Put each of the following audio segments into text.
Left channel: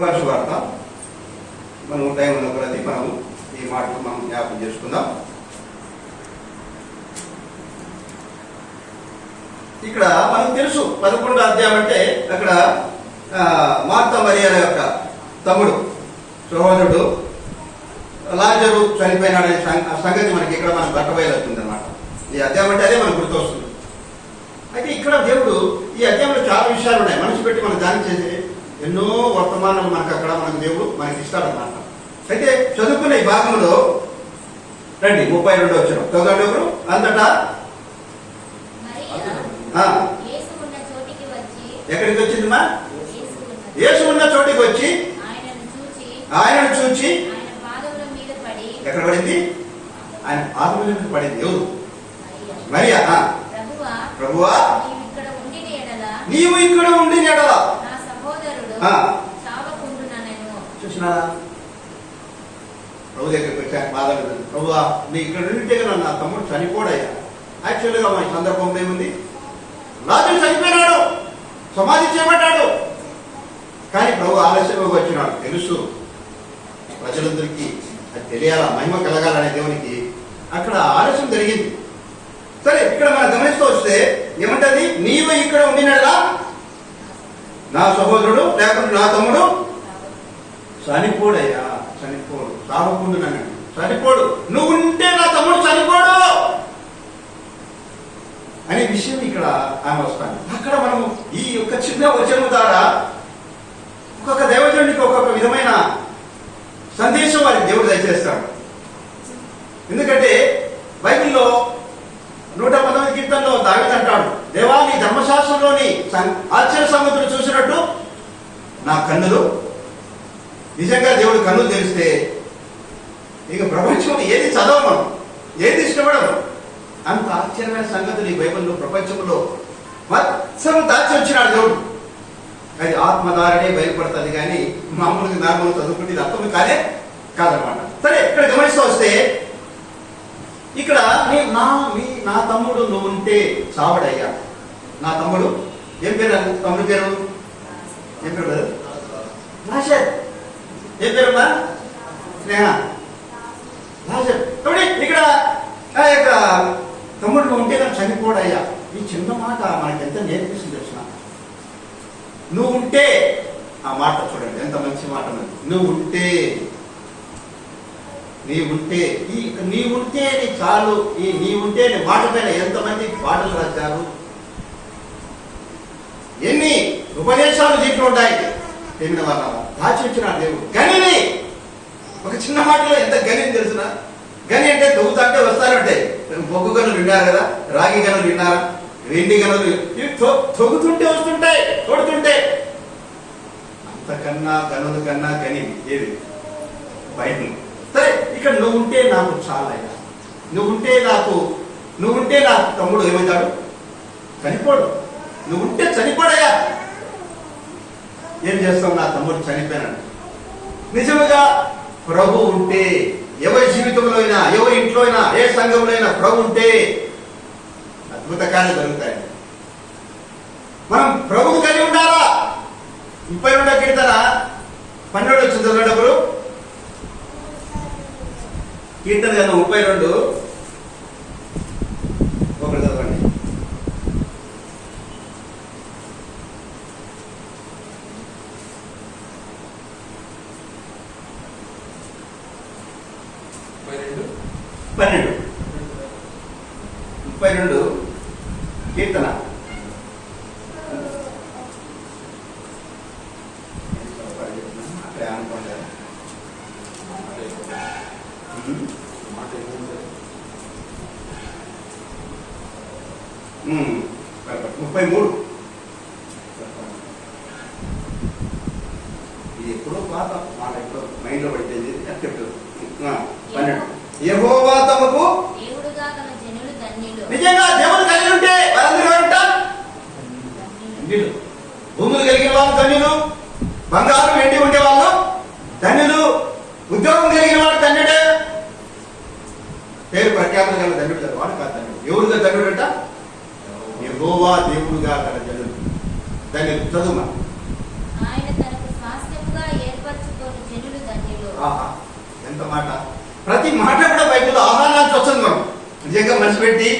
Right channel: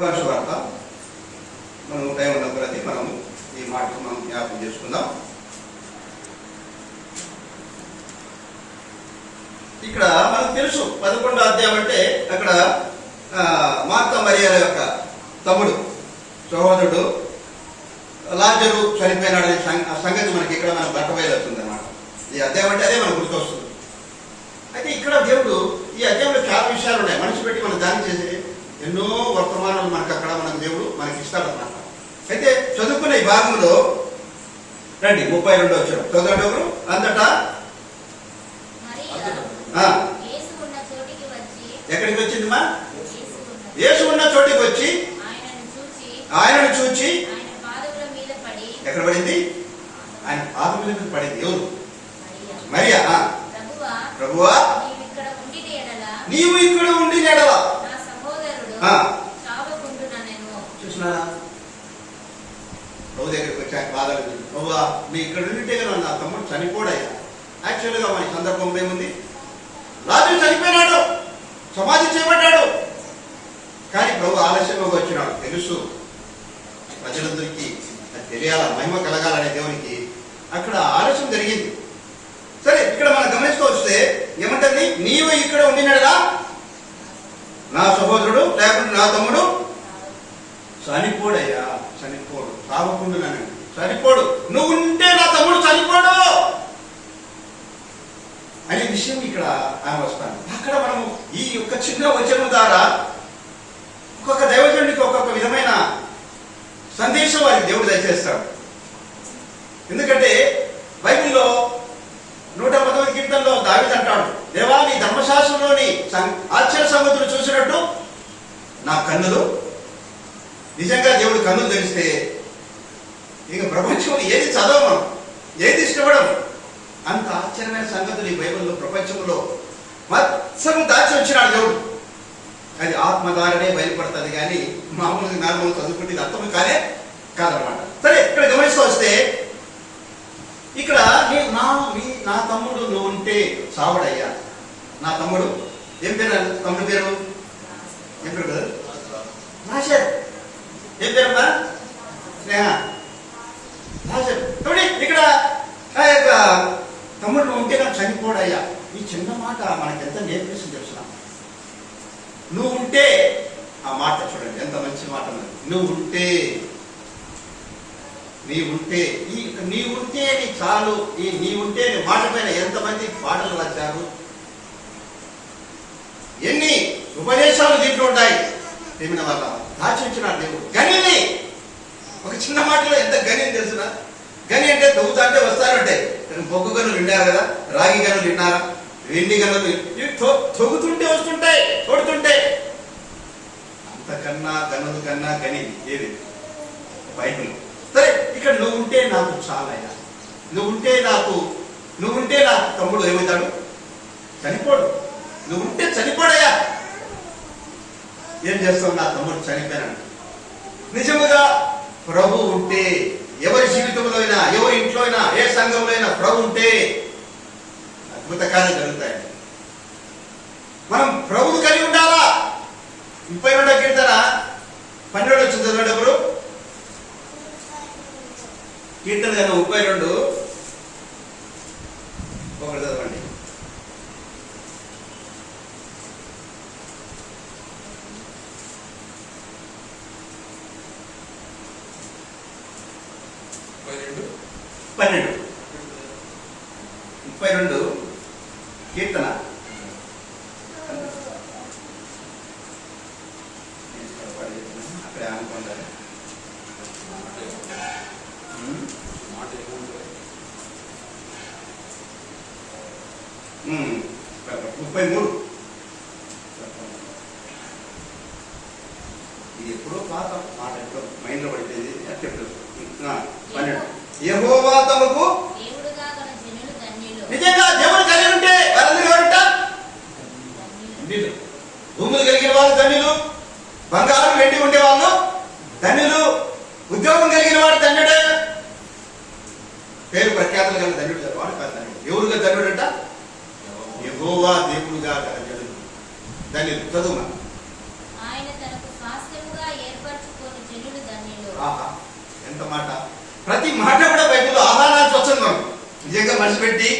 శుభార్త మనం టైం ఉన్న కొలది మనం ఈ మాటలు మనం జ్ఞాపకం చేసుకుందాం. ఇక్కడ మనకు తెలుసు 11వ అధ్యాయం అంటే అక్కడ మార్తా మరియల యొక్క తమ్ముడు సహోదరుడు లాజరు చనిపోయినాడనే సంగతి మనకి ఇక్కడ మనకు బట్టబయలుతుంది అనమాట. ఈ అధ్యాయం అంటే అదే మనకు గుర్తొస్తుంది. అయితే ఇక్కడ దేవుడు ఈ అధ్యాయంలో చాలా విషయాలు ఉన్నాయి. మనిషి పెట్టి మనం దాని చేసే ఎన్నో వర్తమానాలు మనకు అక్కడ మనకు దేవుడు మనకి ఇస్తాడన్నమాట. అయితే చదువుకున్న ఈ భాగంలో రండి 32వ వచనం చదవండి. ఎవరు అంతటా ఎక్కడికి వచ్చిందిమా? యేసు ఉన్న చోటికి వచ్చి ఆయనను చూచి ఎక్కడ పడింది? ఆయన పాదముల మీద పడింది. ఎవరు? మరియా. ప్రభువా నీవు ఇక్కడ ఉండి ఎడల చూసినారా? ప్రభు దగ్గరికి వచ్చి ఆయన పాదాలు ప్రభువా నీ ఇక్కడ ఉంటే కదా నా తమ్ముడు చనిపోడయ్యా. యాక్చువల్గా మన సందర్భంలో ఏముంది? లాజరు చనిపోయినాడు, సమాధి చేయబడ్డాడు. కానీ ప్రభు ఆలస్యంగా వచ్చినాడు. తెలుసు ప్రజలందరికీ అది తెలియాల, మహిమ కలగాలనే దేవునికి అక్కడ ఆలస్యం జరిగింది. సరే ఇక్కడ మనం గమనిస్తూ వస్తే ఏమంటది? నీవు ఇక్కడ ఉండినడా నా సహోదరుడు లేకుంటే నా తమ్ముడు చనిపోడయ్యా. చనిపోడు, సావకుండా నన్ను చనిపోడు. నువ్వు ఉంటే నా తమ్ముడు చనిపోడు అనే విషయం ఇక్కడ ఆమె వస్తాను. అక్కడ మనము ఈ యొక్క చిన్న వచనం ద్వారా ఒక్కొక్క దైవజనుడికి ఒక్కొక్క విధమైన సందేశం వారికి దేవుడు దయచేస్తాడు. ఎందుకంటే బైబిల్లో 119 కీర్తనలో దావీదు అంటాడు, దేవా నీ ధర్మశాస్త్రంలోని ఆశ్చర్య సంగతులు చూసినట్టు నా కన్నులు, నిజంగా దేవుడు కన్నులు తెలిస్తే ఇక ప్రపంచంలో ఏది చదవమను, ఏది ఇష్టపడను, అంత ఆశ్చర్యమైన సంగతులు ఈ బైబిల్లో ప్రపంచంలో మొత్తం దాచి వచ్చినాడు దేవుడు. అది ఆత్మధారనే బయలుపడుతుంది కానీ మామూలుగా నార్మల్ చదువుకుంటే ఇది అర్థం కాదనమాట. సరే ఇక్కడ గమనిస్తూ వస్తే ఇక్కడ నా తమ్ముడు నువ్వు ఉంటే సావడయ్యా. నా తమ్ముడు ఏం పేరు? తమ్ముడు పేరు ఏం పేరు? రాజర్. ఏం పేరమ్మా? స్నేహ. రాజర్. ఇక్కడ తమ్ముడు నువ్వు ఉంటే నాకు చనిపోడయ్యా. ఈ చిన్న మాట మనకి ఎంత నేర్పిస్తుంది తెలుసిన? నువ్వు ఉంటే, ఆ మాట చూడండి ఎంత మంచి మాట. నువ్వు ఉంటే నీవుంటే చాలు. ఈ నీవుంటే మాట పైన ఎంతమంది పాటలు రాశారు, ఎన్ని ఉపదేశాలు దీంట్లో ఉంటాయి. ఏమిన వాళ్ళ దాచించిన దేవుడు గనిని ఒక చిన్న మాటలో ఎంత గని తెలుసునా? గని అంటే తవ్వుతా అంటే వస్తారంటే బొగ్గు గనులు విన్నారు కదా, రాగి గనులు విన్నారా, వెండి గనులు ఇవి తొగుతుంటే వస్తుంటాయి, తోడుతుంటే. అంతకన్నా గనుల కన్నా గని ఏది? బైబిల్. సరే ఇక్కడ నువ్వు ఉంటే నాకు చాలయ్యా. నువ్వుంటే నా తమ్ముడు ఏమవుతాడు? చనిపోడు. నువ్వుంటే చనిపోడయ్యా. ఏం చేస్తావు? నా తమ్ముడు చనిపోయాడు. నిజముగా ప్రభు ఉంటే, ఎవరి జీవితంలో అయినా, ఎవరి ఇంట్లో అయినా, ఏ సంఘంలో అయినా ప్రభు ఉంటే అద్భుత కార్యాలు జరుగుతాయండి. మనం ప్రభువు కలిగి ఉండాలా. 32వ కీర్తన 12 వచ్చింది చదివేటప్పుడు. కీర్తన కన్నా 32 ఒకటి చదవండి. పన్నెండు 32 కీర్తన. అక్కడ అనుకోండి 33. ఇది ఎప్పుడో పాత మాట, ఎప్పుడో మైండ్ లో పడిపోయింది. చెప్తారు 12. యెహోవా తమకు నిజంగా దేవుడు కలిగి ఉంటే వారందరూ ఎవరంట? భూములు కలిగిన వాళ్ళు ధన్యులు, బంగారం వెండి ఉండే వాళ్ళు ధన్యులు, ఉద్యోగం కలిగిన వాడు ధన్యుడే. పేరు ప్రఖ్యాతులు గల ధన్యుడు గారు వాడు కాదు ధన్యుడు. ఎవరుగా ధన్యుడు అంట? యెహోవా దేవుడుగా గల జనులు ధన్యులు. చదువు. ఆయన తనకు స్వాస్థ్యముగా మాట. ప్రతి మాట కూడా బైబిల్లో ఆహ్వానానికి వస్తుంది. మనం నిజంగా మనసు పెట్టి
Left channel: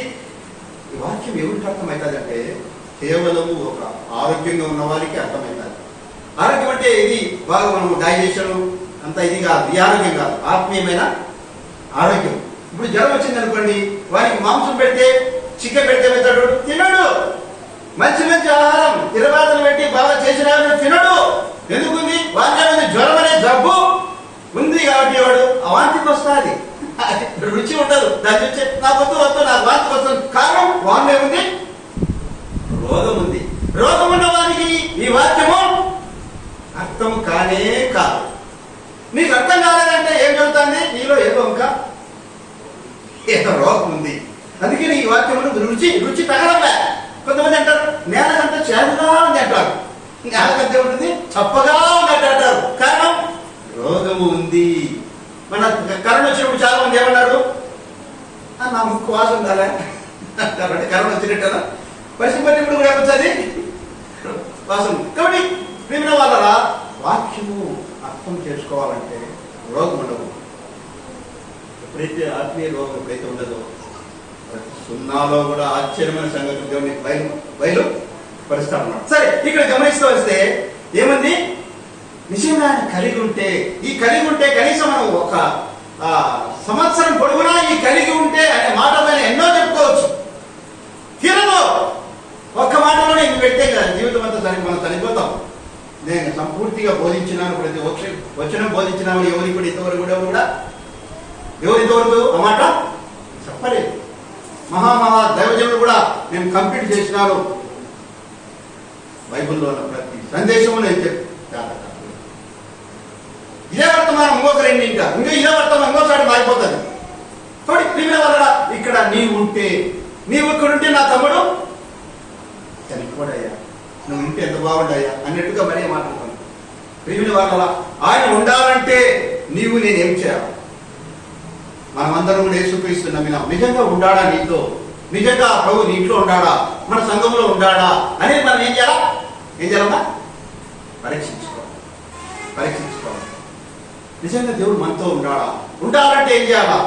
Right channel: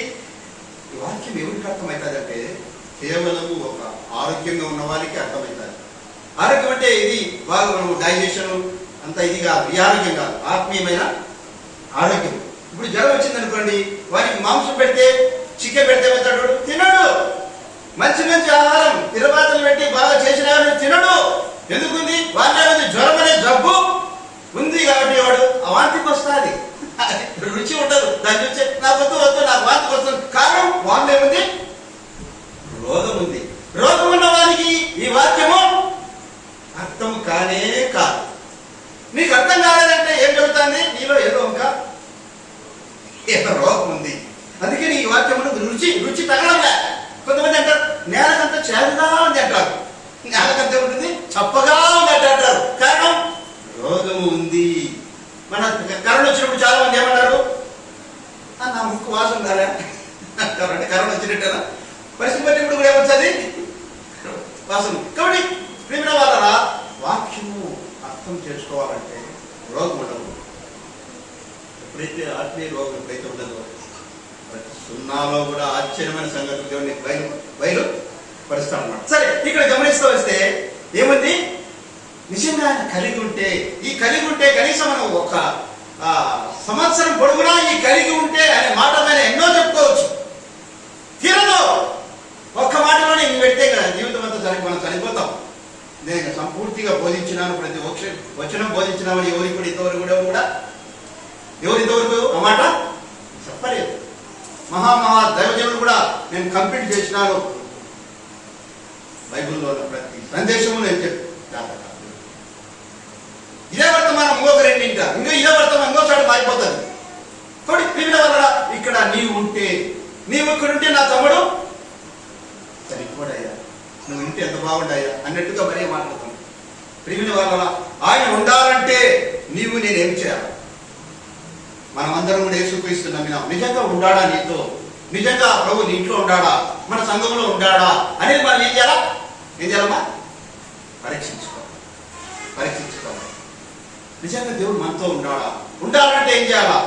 ఈ వాక్యం ఎవరికి అర్థమవుతుందంటే కేవలము ఒక ఆరోగ్యంగా ఉన్న వారికి అర్థమవుతుంది. ఆరోగ్యం అంటే ఇది బాగా మనం డైజెషన్ అంత ఇది కాదు, ఈ ఆరోగ్యం కాదు, ఆత్మీయమైన ఆరోగ్యం. ఇప్పుడు జ్వరం వచ్చింది అనుకోండి, వారికి మాంసం పెడితే చికెన్ పెడితే పెడతాడు, తినడు. మంచి మంచి ఆహారం తిరబాతలు పెట్టి బాగా చేసినాడు, తినడు. ఎందుకుంది? వాటి జ్వరం అనే జబ్బు ఉంది కాబట్టి వాడు వాంతికి వస్తుంది. రుచి ఉండదు, దాని నుంచి నాకు వద్దు నాకు వాంతికి వస్తుంది. కారణం వాంతి ఉంది, రోగం ఉంది. రోగం ఉన్న వారికి ఈ వాక్యము అర్థం కానే కాదు. నీకు అర్థం కాలేదంటే ఏం చెబుతుంది? నీలో ఏదో ఏదో రోగం ఉంది. అందుకే నీ వాక్యము రుచి తగలలే. కొంతమంది అంటారు నేలకంతా చేదుగా ఉంది అంటారు, నేలకంతా ఉంటుంది చప్పగా ఉంది అంటారు. కారణం రోగము ఉంది. మన కరోనా వచ్చినప్పుడు చాలా మంది ఏమన్నారు? నా ముక్కు వాసన ఉండాలా అంటే కరోనా వచ్చినట్టు పరిస్థితి పట్టినప్పుడు కూడా ఏమొచ్చింది వాసన. కాబట్టి ప్రేమ వాళ్ళ వాక్యము అర్థం చేసుకోవాలంటే రోగం ఉండదు. ఎప్పుడైతే ఆత్మీయ రోగం ఎప్పుడైతే ఉండదో ప్రతి సున్నాలో కూడా ఆశ్చర్యమైన సంగతి దేవుని బయలు పరుస్తాం అన్నమాట. సరే, ఇక్కడ గమనిస్తూ వస్తే ఏముంది? నిజంగా కలిగి ఉంటే కనీసం మనం ఒక సంవత్సరం పొడుగునా ఈ కలిగి ఉంటే అనే మాట పైన ఎన్నో చెప్పుకోవచ్చు. తీరదు. ఒక్క మాటలోనే ఇది పెడితే జీవితం అంతా మనం చనిపోతాం. నేను సంపూర్తిగా బోధించినాను, ప్రతి వచనం బోధించినామని ఎవరికి కూడా ఇంతవరకు కూడా ఎవరింతవరకు ఆ మాట చెప్పలేదు. మహా దైవజనులు కూడా నేను కంప్లీట్ చేసినాను. బైబిల్లో ఉన్న ప్రతి సందేశము నేను చెప్పాను. ఇదే వర్తమానం ఇంకొక రెండింట, ఇంకా ఇదే వర్తమానం ఇంకోసారి మారిపోతుంది. కాబట్టి ప్రియుల వల్ల ఇక్కడ నీవు ఇక్కడ ఉంటే నా తమ్ముడు చనిపోడయ్యా, నువ్వు ఇంటే ఎంత బాగుండయ్యా అన్నట్టుగా మరీ మాట్లాడుతాను. ప్రియుల వల్ల ఆయన ఉండాలంటే నేనేం చేయాలి? మనమందరం కూడా యేసుక్రీస్తు నమ్మినాం. నిజంగా ఉండాడా నీతో? నిజంగా ప్రభు నీ ఇంట్లో ఉండాడా? మన సంఘంలో ఉండాడా అనేది మనం ఏం చేయాలమ్మా? పరీక్షించుకోవాలి. నిజంగా దేవుడు మనతో ఉండాలంటే ఏం చేయాలా?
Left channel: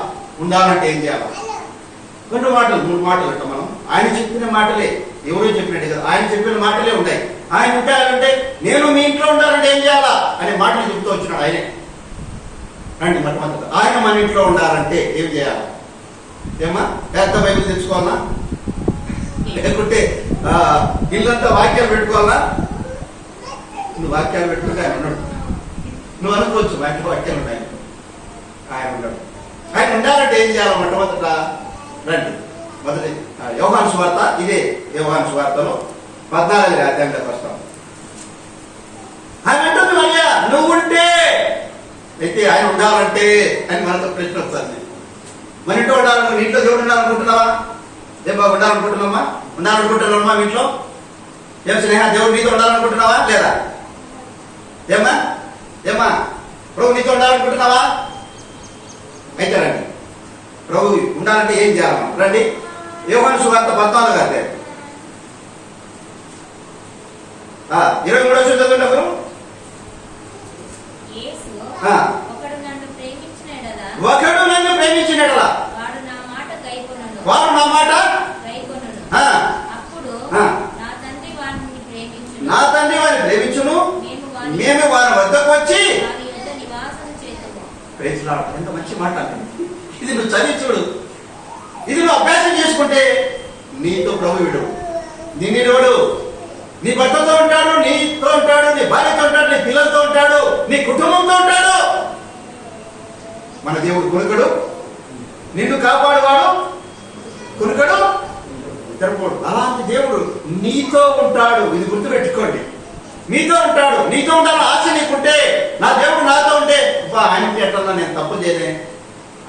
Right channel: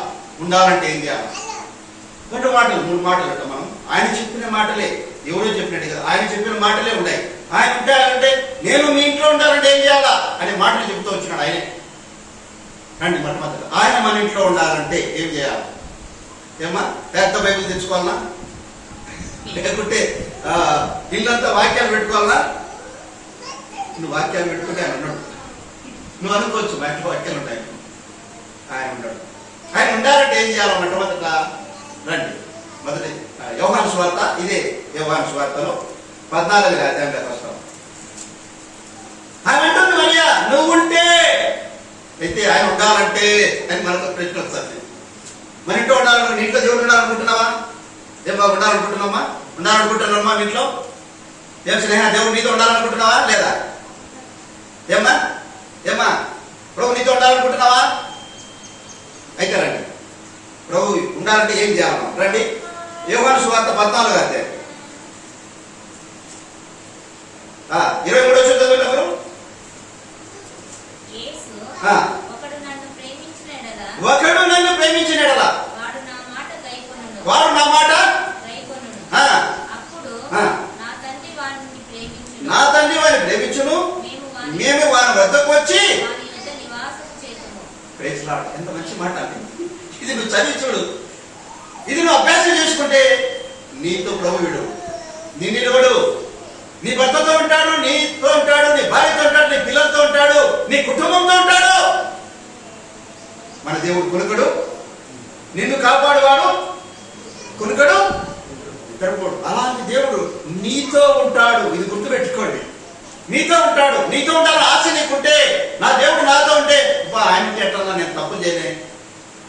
2 మాటలు 3 మాటలు అంటాం మనం. ఆయన చెప్పిన మాటలే, ఎవరో చెప్పినట్టు కదా, ఆయన చెప్పిన మాటలే ఉన్నాయి. ఆయన ఉండాలంటే నేను మీ ఇంట్లో ఉండాలంటే ఏం చేయాలా అనే మాటలు చెప్తూ వచ్చినాడు ఆయనే. రండి మొట్టమొదటి ఆయన మన ఇంట్లో ఉండాలంటే ఏం చేయాలి? ఏమ్మా, పెద్ద బైబిల్ తెచ్చుకోవాలన్నా, లేకుంటే ఇల్లంతా వాక్యాలు పెట్టుకోవాలన్నా? నువ్వు వాక్యాలు పెట్టుకుంటే ఆయన ఉన్నాడు. నువ్వు అనుకోవచ్చు వాక్యాలు ఉంటాయి, ఆయన ఉండడు. ఆయన ఉండాలంటే ఏం చేయాలి? మొట్టమొదట రండి, మొదటి యోహాను సువార్త, ఇదే యోహాను సువార్తలో 14వ అధ్యాయంలోకి వస్తాం. ఆయన అంటుంది మరియా, నువ్వు ఉంటే అయితే ఆయన ఉండాలంటే అని మనతో ప్రశ్న వస్తుంది. మన ఇంట్లో ఉండాలని, ఇంట్లో దేవుడు ఉండాలనుకుంటున్నావా? ఏం బాగా ఉండాలనుకుంటున్నావా? మీ ఇంట్లో ఏం స్నేహ దేవుడు నీతో ఉండాలనుకుంటున్నావా లేదా? ఏమ్మా ప్రభు నీతో ఉండాలనుకుంటున్నావా? అయితే రండి, ప్రభు ఉండాలంటే ఏం చేయాలమ్మా? రండి, యోహాను సువార్త 14వ అధ్యాయం 23వ వచనం చదివినప్పుడు, ఒకడు నన్ను ప్రేమించిన యెడల వాడు నా మాట నా తండ్రి వారిని ప్రేమించును, మేము వారి వద్దకు వచ్చి. ఎంత మంచి మాట అంటే, ఇది నువ్వు చదివి చూడు, ఇది నువ్వు అభ్యాసం చేసుకుంటే నీతో ప్రభు వీడు, నిన్ను నీ భర్తతో ఉంటాడు, నీతో ఉంటాడు, నీ భార్యతో ఉంటాడు, నీ పిల్లలతో ఉంటాడు, నీ కుటుంబంతో ఉంటాడు. మన దేవుడు కొనుకడు, నిన్ను కాపాడువాడు కొనుకడు, తెరపోడు. అలాంటి దేవుడు నీతో ఉంటాడు. ఇది గుర్తుపెట్టుకోండి, నీతో ఉంటాడు. నీతో ఉండాలని ఆశ నీకుంటే, నా దేవుడు నాతో ఉంటే ఆయనకి ఎట్లా నేను తప్పు చేయలే,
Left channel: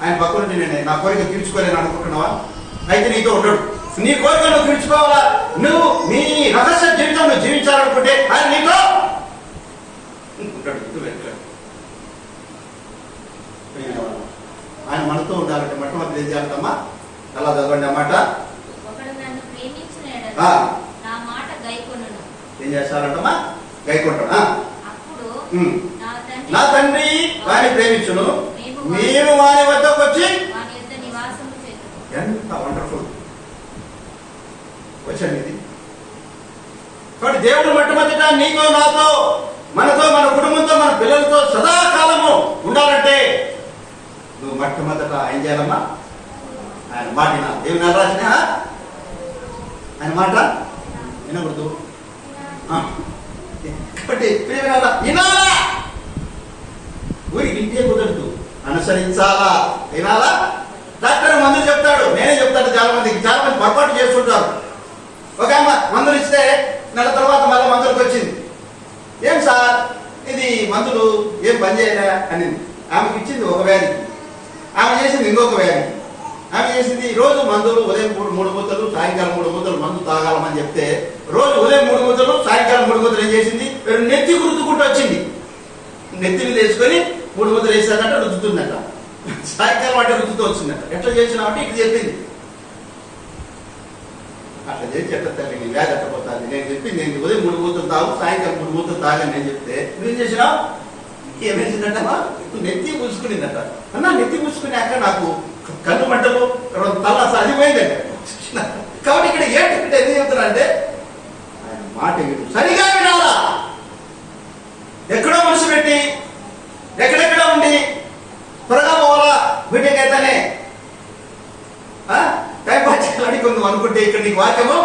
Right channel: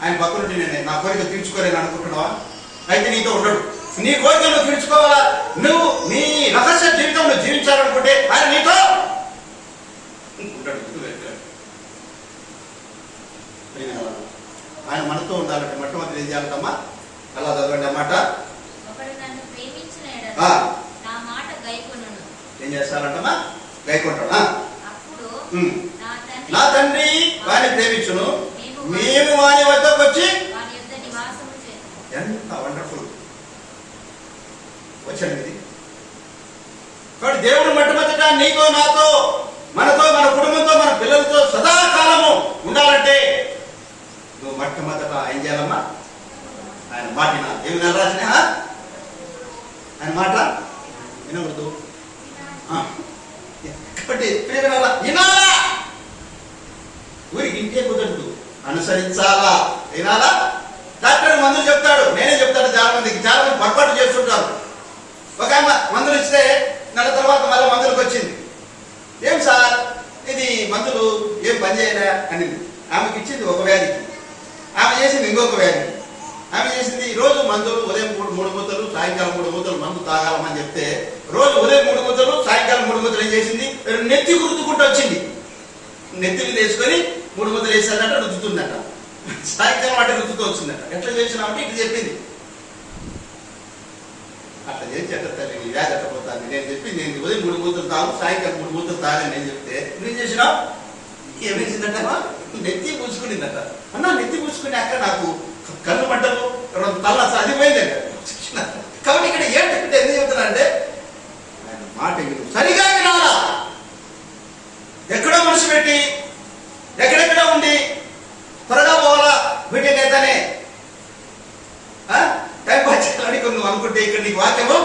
ఆయన పక్కనుండి నేను నా కోరిక తీర్చుకోలేను అనుకుంటున్నావా? అయితే నీతో ఉండడు. నీ కోరిక నువ్వు తీర్చుకోవాలా, నువ్వు నీ రహస్య జీవితం నువ్వు జీవించాలనుకుంటే ఆయన నీతో ఉంటాడు. ఆయన మనతో ఉండాలంటే మొట్టమొదటి ఏం చేయాలమ్మా? అలా చదవండి అన్నమాట. ఏం చేస్తారంటమ్మా? గైకొంటాడు. నా తండ్రి వారిని ప్రేమించును, మేము వాని వద్దకు వచ్చి వాని యొద్ద నివాసము చేతుము. ఎంత వండర్ఫుల్ వచ్చాను ఇది. కాబట్టి దేవుడు మొట్టమొదట నీతో నాతో మనతో మన కుటుంబంతో మన పిల్లలతో సదాకాలము ఉండాలంటే నువ్వు మొట్టమొదట ఏం చేయాలమ్మా? ఆయన మాట వినాలి. ఏమి నెల రాసిన ఆయన మాట వినకూడదు. కాబట్టి వినాలా, ఊరికి ఇంటే కుదరదు, అనుసరించాలా, వినాలా. డాక్టర్ మందులు చెప్తాడు, నేనే చెప్తాను. చాలా మంది పొరపాటు చేస్తుంటారు. ఒక ఆమె మందులు ఇస్తే నెల తర్వాత మళ్ళీ మందులకు వచ్చింది. ఏం సార్ ఇది మందులు ఏం పని చేయలే అనింది. ఆమెకి ఇచ్చింది ఒక వ్యాధికి, ఆమె చేసింది ఇంకొక వ్యాధికి. ఆమె చేసింది రోజు మందులు ఉదయం 3 మూతలు సాయంకాలం 3 మూతలు మందు తాగాలమని చెప్తే రోజు ఉదయం 3 మూతలు సాయంకాలం 3 మూతలు ఏం చేసింది? నెత్తి గుర్తుకుంటూ వచ్చింది. నెత్తిని తీసుకొని 3 మూతలు వేసానంట, రుద్దుతుందట. సాయంకాలం అంటే రుద్దుతూ వచ్చిందట. ఎట్లా చేసినామంటే ఇటు చెప్పింది. అట్లా చేసి ఎట్లా తల్లి నీ వ్యాధి ఎట్టపోతుంది. నేను చెప్పింది నేను ఉదయం 3 మూతలు తాగు సాయంకాలం 3 మూతలు తాగని నేను చెప్తే నువ్వేం చేసినావు? ఏమేసిందట? నెత్తి పూసుకునిందట. అన్నా నెత్తి పూసుకున్నాక నాకు కళ్ళు మంటలు తల అది పోయిందంట. కాబట్టి ఇక్కడ ఏంటంటే ఎందుకు చెప్తున్నా అంటే ఆయన మాట సరిగా వినాలా. ఎక్కడో మనసు పెట్టి ఎక్కడెక్కడో ఉండి త్వరగా పోవాలా బీటెక్ అయితేనే టైం పాస్ చేయాలని కొన్ని అనుకుంటే ఇక్కడ నీకు వాక్యము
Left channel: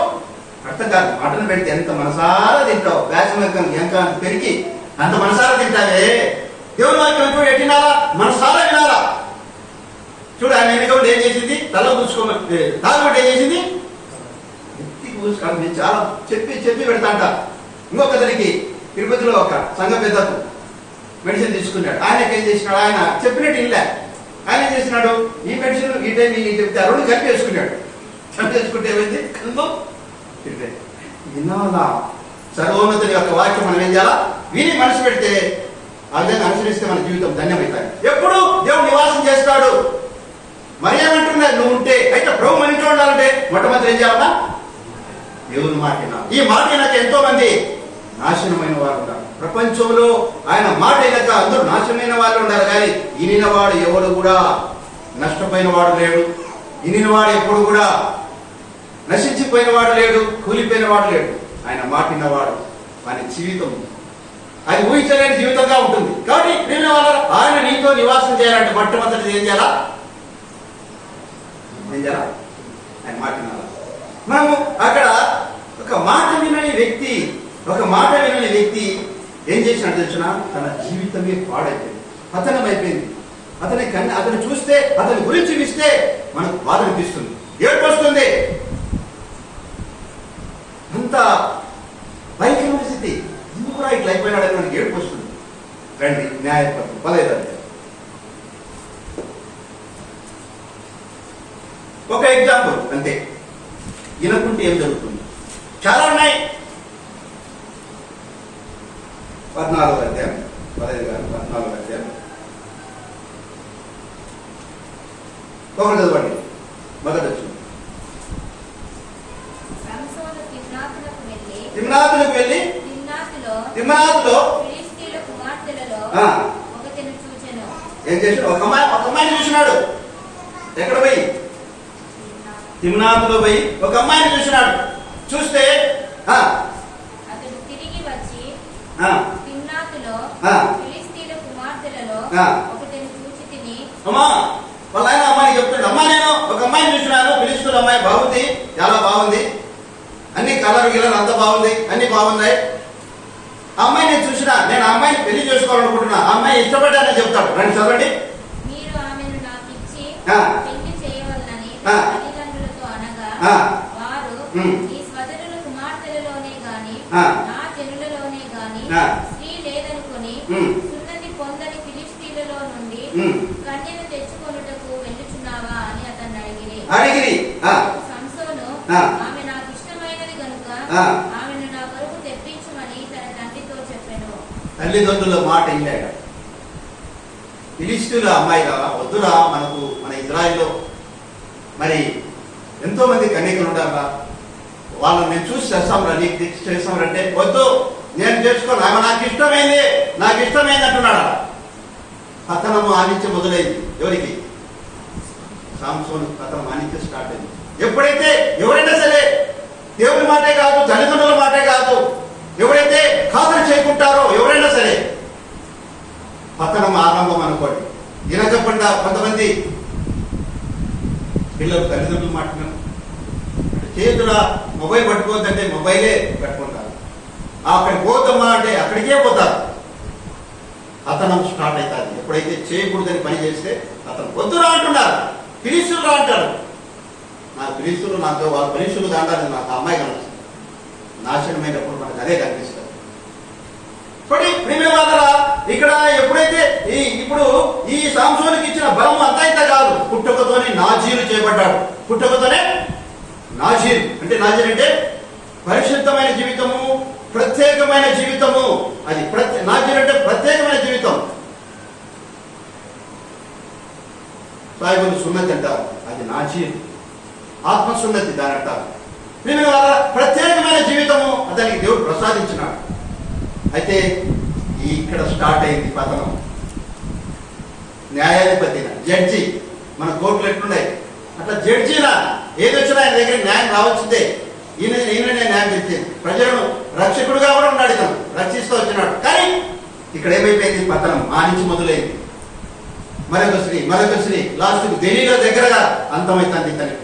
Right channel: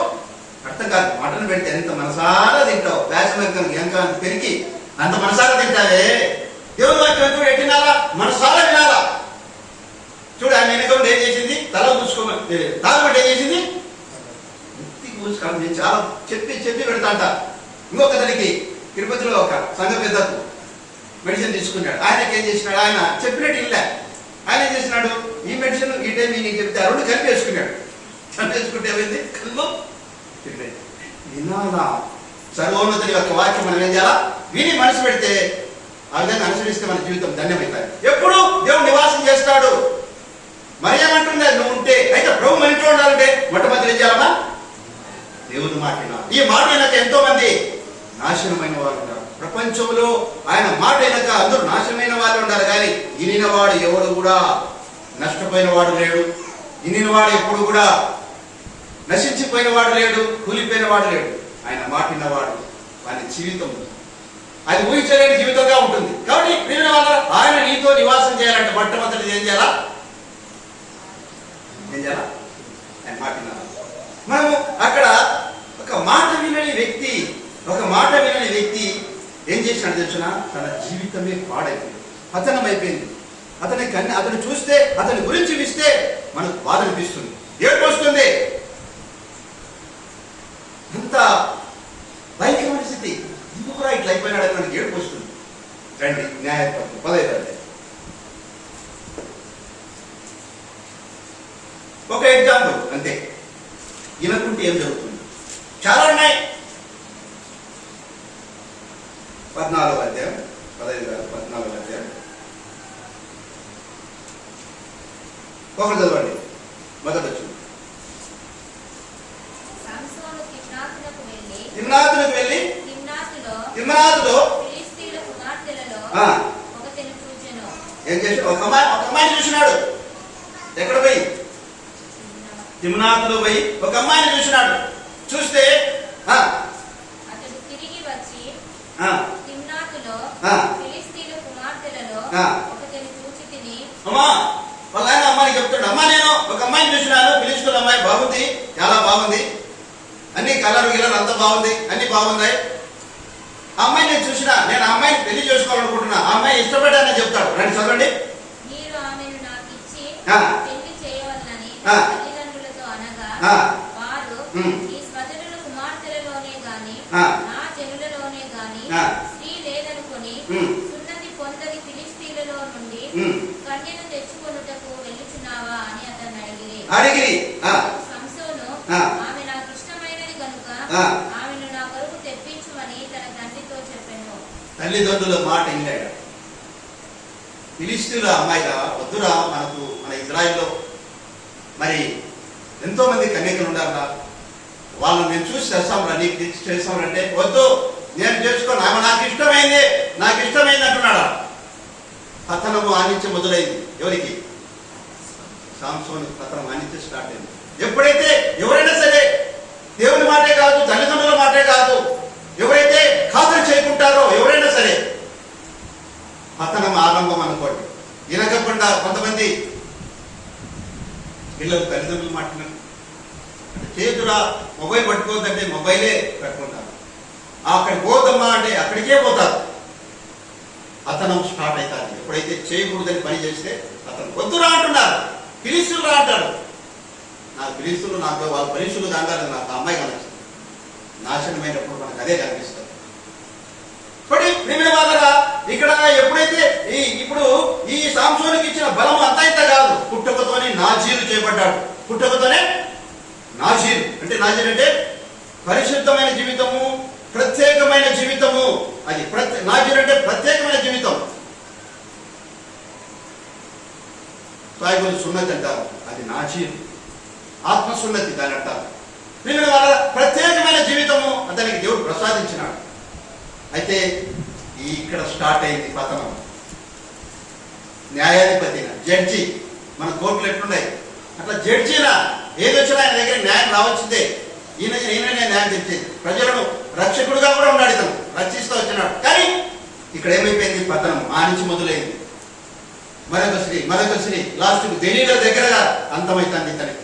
అర్థం కాదు. మాటలు పెడితే ఎంత మనసారా తింటావు. వ్యాసం ఇంకా పెరిగి అంత మనసారా తింటావే. దేవుని వాక్యం ఎప్పుడు ఎట్టినాలా? మనసారా వినాలా. చూడు ఆయన ఎన్నికలు ఏం చేసింది? తల పూసుకోమని తాగమంటే ఏం చేసింది? ఎత్తికి పూసుకోవాలి. నేను చాలా చెప్పి పెడతా అంట. ఇంకొకరికి తిరుపతిలో ఒక సంఘ పెద్దకు మెడిసిన్ తీసుకున్నాడు. ఆయనకి ఏం చేసినాడు? ఆయన చెప్పినట్టు ఇల్లే. ఆయన ఏం చేసినాడు? ఈ మెడిసిన్ ఈ టైం నీకు చెప్తే ఆ రెండు కలిపి వేసుకున్నాడు. కలిపి వేసుకుంటే ఏమైంది? కళ్ళు వినాలా. సర్వోన్నతుని యొక్క వాక్యం మనం ఏం చేయాలా? విని మనసు పెడితే ఆ విధంగా అనుసరిస్తే మన జీవితం ధన్యమవుతాయి. ఎప్పుడు దేవుడు నివాసం చేస్తాడు. మరి ఏమంటున్నారు? నువ్వు ఉంటే అయితే ప్రభు మన ఇంట్లో ఉండాలంటే మొట్టమొదటి ఏం చేయాలమ్మా? దేవుని మాట వినాలి. ఈ మాట వినక ఎంతో మంది నాశనమైన వాళ్ళు ఉన్నారు. ప్రపంచంలో ఆయన మాట వినక అందరూ నాశనమైన వాళ్ళు ఉన్నారు. కానీ ఇనినవాడు ఎవడు కూడా నష్టపోయిన వాడు లేడు. ఇనినవాడు ఎప్పుడు కూడా నశించిపోయిన వాడు లేడు, కూలిపోయిన వాడు లేడు. ఆయన మాట విన్నవాడు వాని జీవితం అది ఊహించలేని జీవితంగా ఉంటుంది. కాబట్టి ప్రియమైన వాళ్ళు ఆయన నీతో నివాసం చేయాలంటే మొట్టమొదటి ఏం చేయాలా? ఆయన మాట వినాలి. మనము అక్కడ ఒక మాట వినని వ్యక్తి ఏం చేసినాడు తెలుసిన? తన జీవితమే పాడైపోయింది, పతనం అయిపోయింది. అతను చూస్తే అతని గురించి విస్తే మనకు బాధ అనిపిస్తుంది, ఏడుపు వస్తుంది. అంత భయంకరమైన స్థితి. ఎందుకు ఇట్లా అయిపోయినాడని మనకి ఏడుపు వస్తుంది. రండి న్యాయపత్రం 15 అధ్యాయం. ఒక ఎగ్జాంపుల్ అంతే. వినకుంటే ఏం జరుగుతుంది? చాలా ఉన్నాయి. 14వ అధ్యాయం 15 కాదు 14వ అధ్యాయం ఒకటి చదవండి. మొదటి వచ్చింది. తిమ్నాతులకు వెళ్ళి తిమ్నాతులో ఏం చేసి ఒక అమ్మాయిని చూసినాడు. ఎక్కడ పోయి? తిమ్నాతులో పోయి ఒక అమ్మాయిని చూసినాడు. చూస్తే అమ్మా వాళ్ళ ఆయన అమ్మాయిని చెప్తాడు, అమ్మా నేను ఒక అమ్మాయిని చూసినాను, ఫిలిష్తీయుల అమ్మాయి బాగుంది, చాలా బాగుంది, అన్ని కలర్ గిలర్ అంతా బాగుంది, అన్ని బాగున్నాయి. ఆ అమ్మాయి నేను చూసినా, నేను ఆ అమ్మాయిని పెళ్లి చేసుకోవాలనుకుంటున్నా, ఆ అమ్మాయి ఇష్టపడ్డానని చెప్తాడు. రండి చదవండి. అడిగిరి తల్లిదండ్రుల మాట విన్నాడు. ఫిలిష్తీయుల అమ్మాయిగా వద్దురా, మన ఇజ్రాయిల్లో మరి ఎంతో మంది కన్యకలు ఉండాలా, వాళ్ళని నేను చూసి చేస్తాంరా, నీకు చేస్తాంరంటే వద్దు, నేను చేసుకోను, ఆమె నాకు ఇష్టమైంది అంటున్నాడా. పతనము ఆ నుంచి మొదలైంది. ఎవరికి? సాంసోను పతనం ఆ నుంచి స్టార్ట్ అయింది. ఎప్పుడైతే ఎవరైనా సరే దేవుని మాటే కాదు, తల్లిదండ్రుల మాటే కాదు, ఎవరైతే ఖాతరు చేయకుంటారో ఎవరైనా సరే పతనం ఆరంభం అనుకోండి. వినకుండా కొంతమంది పిల్లలు తల్లిదండ్రులు మాట్లాడినారు, చేతుల మొబైల్ పట్టుకోవద్దంటే మొబైలే పట్టుకుంటారు. అక్కడికి పోతామా అంటే అక్కడికే పోతారు. అతనం స్టార్ట్ అవుతుంది. ఎప్పుడైతే చేయకూడదని పని చేస్తే అతను వద్దురా అంటున్నారు, పిలుస్తురా అంటారు. నాకు పిలుస్తులు, నాకు వాళ్ళ పిలుస్తులు దాంట్లో నాకు అమ్మాయి కనిపిస్తుంది. నాశనమైనప్పుడు మనకు అదే కనిపిస్తుంది. ప్రేమ వాళ్ళరా, ఇక్కడ ఎప్పుడైతే ఇప్పుడు ఈ సాంసోనికి ఇచ్చిన బలం అంతా ఇంత కాదు. పుట్టుకతోనే నాజీరు చేయబడ్డాడు. పుట్టుకతోనే నాజీరు అంటే పరిశుద్ధమైన జీవితము, ప్రత్యేకమైన జీవితము. అది నాజీరు అంటే ప్రత్యేకమైన జీవితం. సాయిబుల్ సున్నతి అంటారు, అది నాజీరు. ఆత్మసున్నతి దాని అంటారు. ప్రేమ వాళ్ళ ప్రత్యేకమైన జీవితము అతనికి దేవుడు ప్రసాదించినాడు. అయితే ఇక్కడ స్టార్ట్ అయింది పతనం. న్యాయాధిపతిగా, జడ్జి, మన కోర్టులు ఎట్లున్నాయి అట్లా జడ్జిలా ఏది వచ్చినా ఆయన దగ్గర న్యాయం రావాల్సిందే. ఈయననే న్యాయం తెచ్చింది. ప్రజలను రక్షకుడుగా కూడా ఉన్నాడు, ఇతను రక్షిస్తూ వచ్చినాడు. కానీ ఇక్కడ ఏమైపోయింది? పతనం ఆ నుంచి మొదలైంది. మరొక స్త్రీ లాస్ట్కి దెలీలా దగ్గరగా అంతమైతుంది ఇతని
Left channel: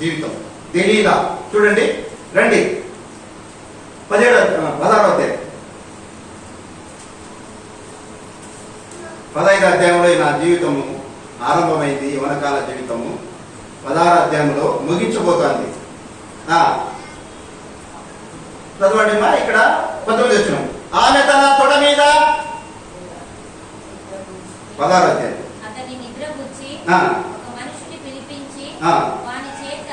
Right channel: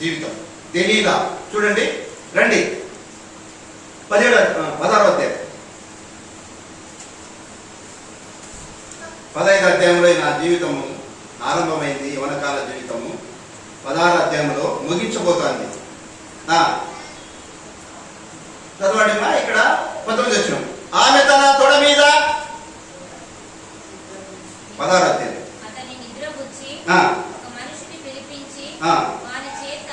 జీవితం. దెలీలా చూడండి, రండి 16వ అధ్యాయం. 15వ అధ్యాయంలో నా జీవితము ఆరంభమైంది, యవనకాల జీవితము. 16వ అధ్యాయంలో ముగించబోతోంది. చదవండి ఇక్కడ 19 వచ్చిన. ఆమె తన తొడ మీద 16వ అధ్యాయం. అతని నిద్రపుచ్చి ఒక మనిషిని పిలిపించి వాని చేత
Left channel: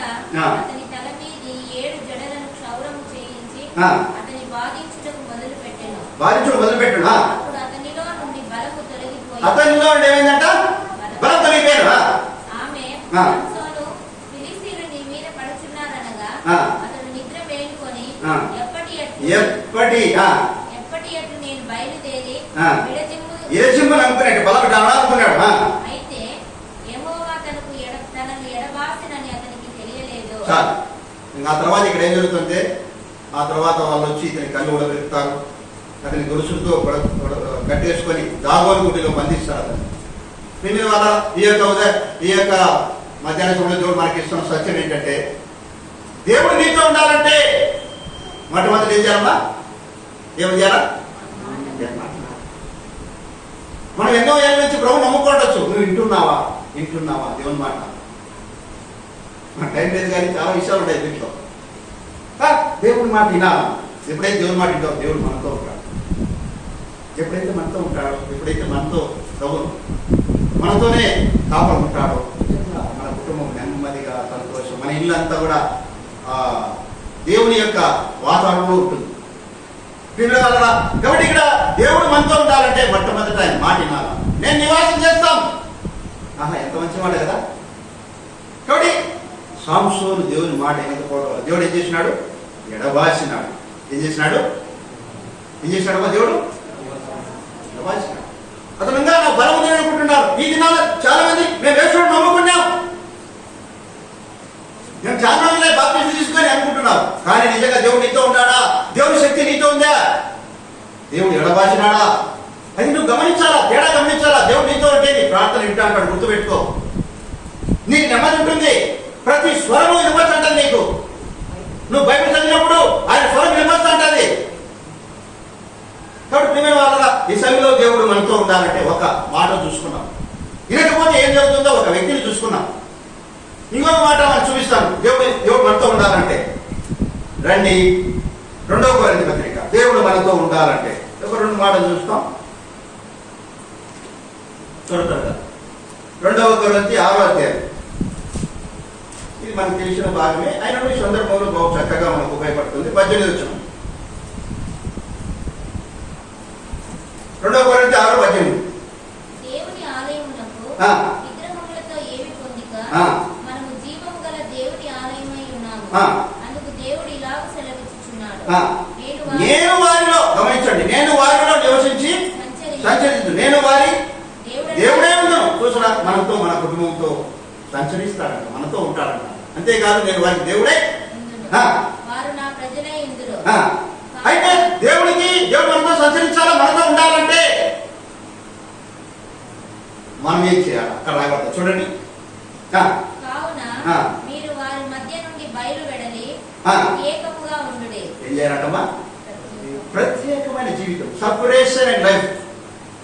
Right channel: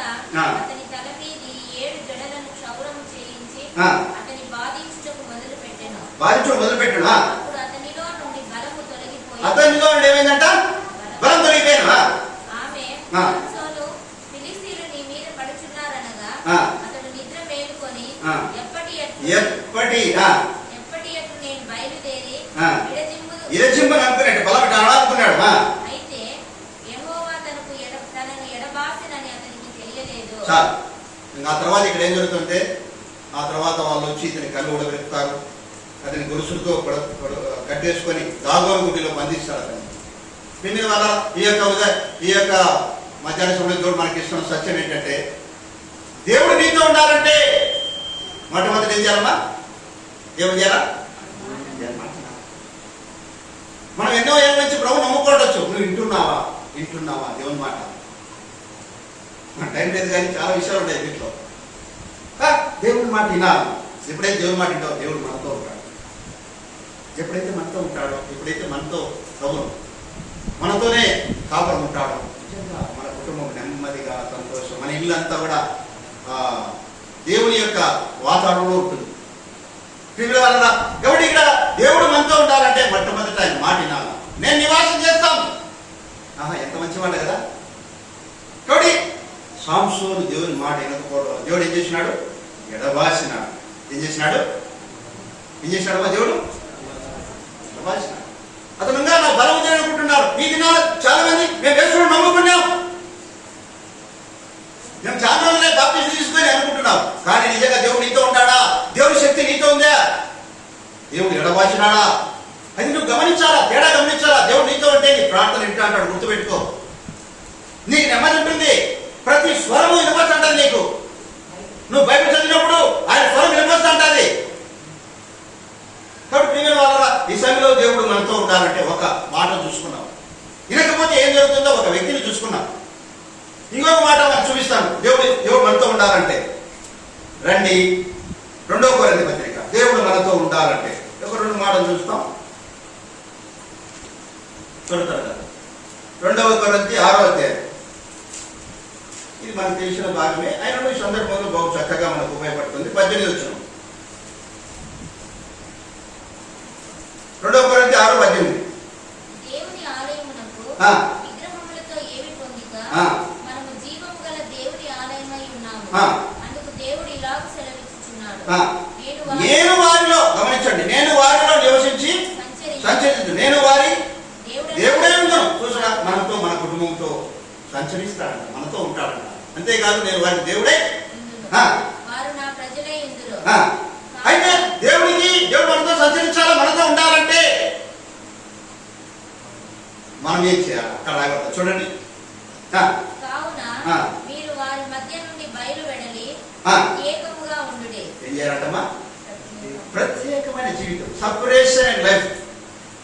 అతని తల మీది 7 జడలను క్షౌరం చేయించి అతని బాధించుటకు మొదలుపెట్టెను. అప్పుడు అతనిలో నుండి బలము తొలగిపోయి, అతనిలో నుండి ఏమైందంట? బలం తొలగిపోయాను. ఆమె సాంసోను ఫిలిష్తీయులు నీ మీద పడుచున్నారనగా అతడు నిద్ర మేలుకొని ఎప్పటి అట్లు నేను బయలుదేరి ఇరజిమ్ము అనుకున్నాడు, బలం అనుకున్నాడు. అయితే యెహోవా తనను ఎడబాసినని అతనికి తెలియలేదు. చాలు. ఆ తర్వాత ఇక్కడ ఏం జరుగుతుంటే, ఆ తర్వాత వాళ్ళు వచ్చి ఇతని కళ్ళు ఉడబెడతారు, అతని గొలుసులతో కట్టేసుకొని దాగోని గుడిలో బంధిస్తారు అతన్ని. దీని వల్ల ఈ యొక్క మధ్యాహ్న సమయంలో దేవుడు మనకి ఇస్తున్న సత్యం ఏంటంటే, దేవుడు నీతో ఉండాలంటే మొట్టమొదటి ఏం చేయాలమ్మా? ఏం చేయాలా? మనం ఎన్నో ఏళ్ళ నుంచి ప్రభు నమ్ముకోవచ్చు. నువ్వు వింటున్నావా దేవుని మాట? మన టైం లేదు కానీ చాలా విషయాలు ఉన్నాయి దీంట్లో. దేవుని మాట వినాలి. ఎప్పుడైతే దేవుని మాట వింటావు, దేవుడు మనతో ఉంటాడు. ఎప్పుడైతే మనతో ఉంటాడో, ఎప్పుడైతే మనతో ప్రభువు మనతోనే కాపాడు ఉంటాడో, మన కుటుంబం నెమ్మదిగా, సంతోషం, మన ఇల్లు అంతా కూడా దేవుని యొక్క వాతావరణంలో ఉంటుంది. కాబట్టి ఇక్కడ దేవుడు మనతో ఉండాలంటే మొట్టమొదట ఆయన మాట వినాలి. నేను నివాసం చేస్తాం. ఎంత మంచి మాట కదా. కాబట్టి సాంసోను దేవుని మాట వినకపోవడం, దేవుడు ఏం చేసినాడు? ఎడబాసినాడు. ఏం చేసినాడు మా దేవుడు? ఎడబాసినాడు. అతను ఇంకా నా బలం ఉందని అనుకుంటున్నారు. ఈ దినాలు చాలా మంది మేము యేసుని నమ్ముకున్నాం, మేము చాలా రోజులే బాప్టిజం తీసుకొని అనుకుంటున్నాం. కానీ నిజంగా దేవుడు నీతో ఉన్నాడా? దేవుడి శక్తి నీతో ఉందా? దేవుడు ఎడబాసినాడా? అది నువ్వు గమనించాలా, తేడా గమనించాలా. దేవుడు నీతో ఉంటే నీ ప్రార్థన వింటా అంటాడు. గుర్తుపెట్టుకో, నీకు నెమ్మది ఉంటుంది. ప్రతి స్వరము వినవచ్చంటది నీకు. నువ్వు బైబిల్ చదివినప్పుడు ఆయన స్వరం వినవచ్చంటది. కాబట్టి ప్రియమైన వాళ్ళ ఈ సమయంలో దేవుడు మనతో ఉండాలంటే ఒక మాట చూసుకున్నాం. వినకపోతే ఏం జరుగుతుందో ఒక వ్యక్తిని చూసుకున్నాం. ఇంకొక మాట మనం చూపిస్తాను. దేవుడు మనతో ఉండాలంటే రండి 2వ కొరింథీ పత్రిక. దేవుడు మనతో ఉండాలంటే ఒక 2 మాటలు చూస్తాం. 2వ కొరింథీ 6వ అధ్యాయం. ఇది మనకు తెలిసిన భాగమే, అయినా ఈ సందర్భంలో బాగు చక్కగా మనకు ఉపయోగపడుతుంది. 18 వచ్చిన 2వ కొరింథీ 6:18. దేవుని ఆలయమునకు విగ్రహములతో ఏమి పొందిక మనము జీవము గల దేవుని ఆలయమై ఉన్నాము. అందుకు దేవుడు ఇలాగ సెలవిచ్చుచున్నాడు, నేను వారిలో, గమనించండి, నేను వారిలో నివసించి సంచరించు, నేను వారి దేవుడే కుటుంబంతో సంచరిస్తాడంట, మనతో ఉంటాడంట. అంతేకాదు నేను వారికి దేవుడే. వారు నా ప్రజలే ఇందులో. అయితే దేవుడు మనతో సంచరించాలా, మనతో ఉండాలంటే మనం ఏం చేయాలి? అక్కడ రాయబడతా చూడండి. కావున మీరు వారి మధ్య నుండి బయలు వెడలి ఏకముగా ఉండుడే. ఏం చేయాలంటమ్మా? ప్రత్యేకమైన జీవితం, సపరేషన్ అండ్ లైఫ్.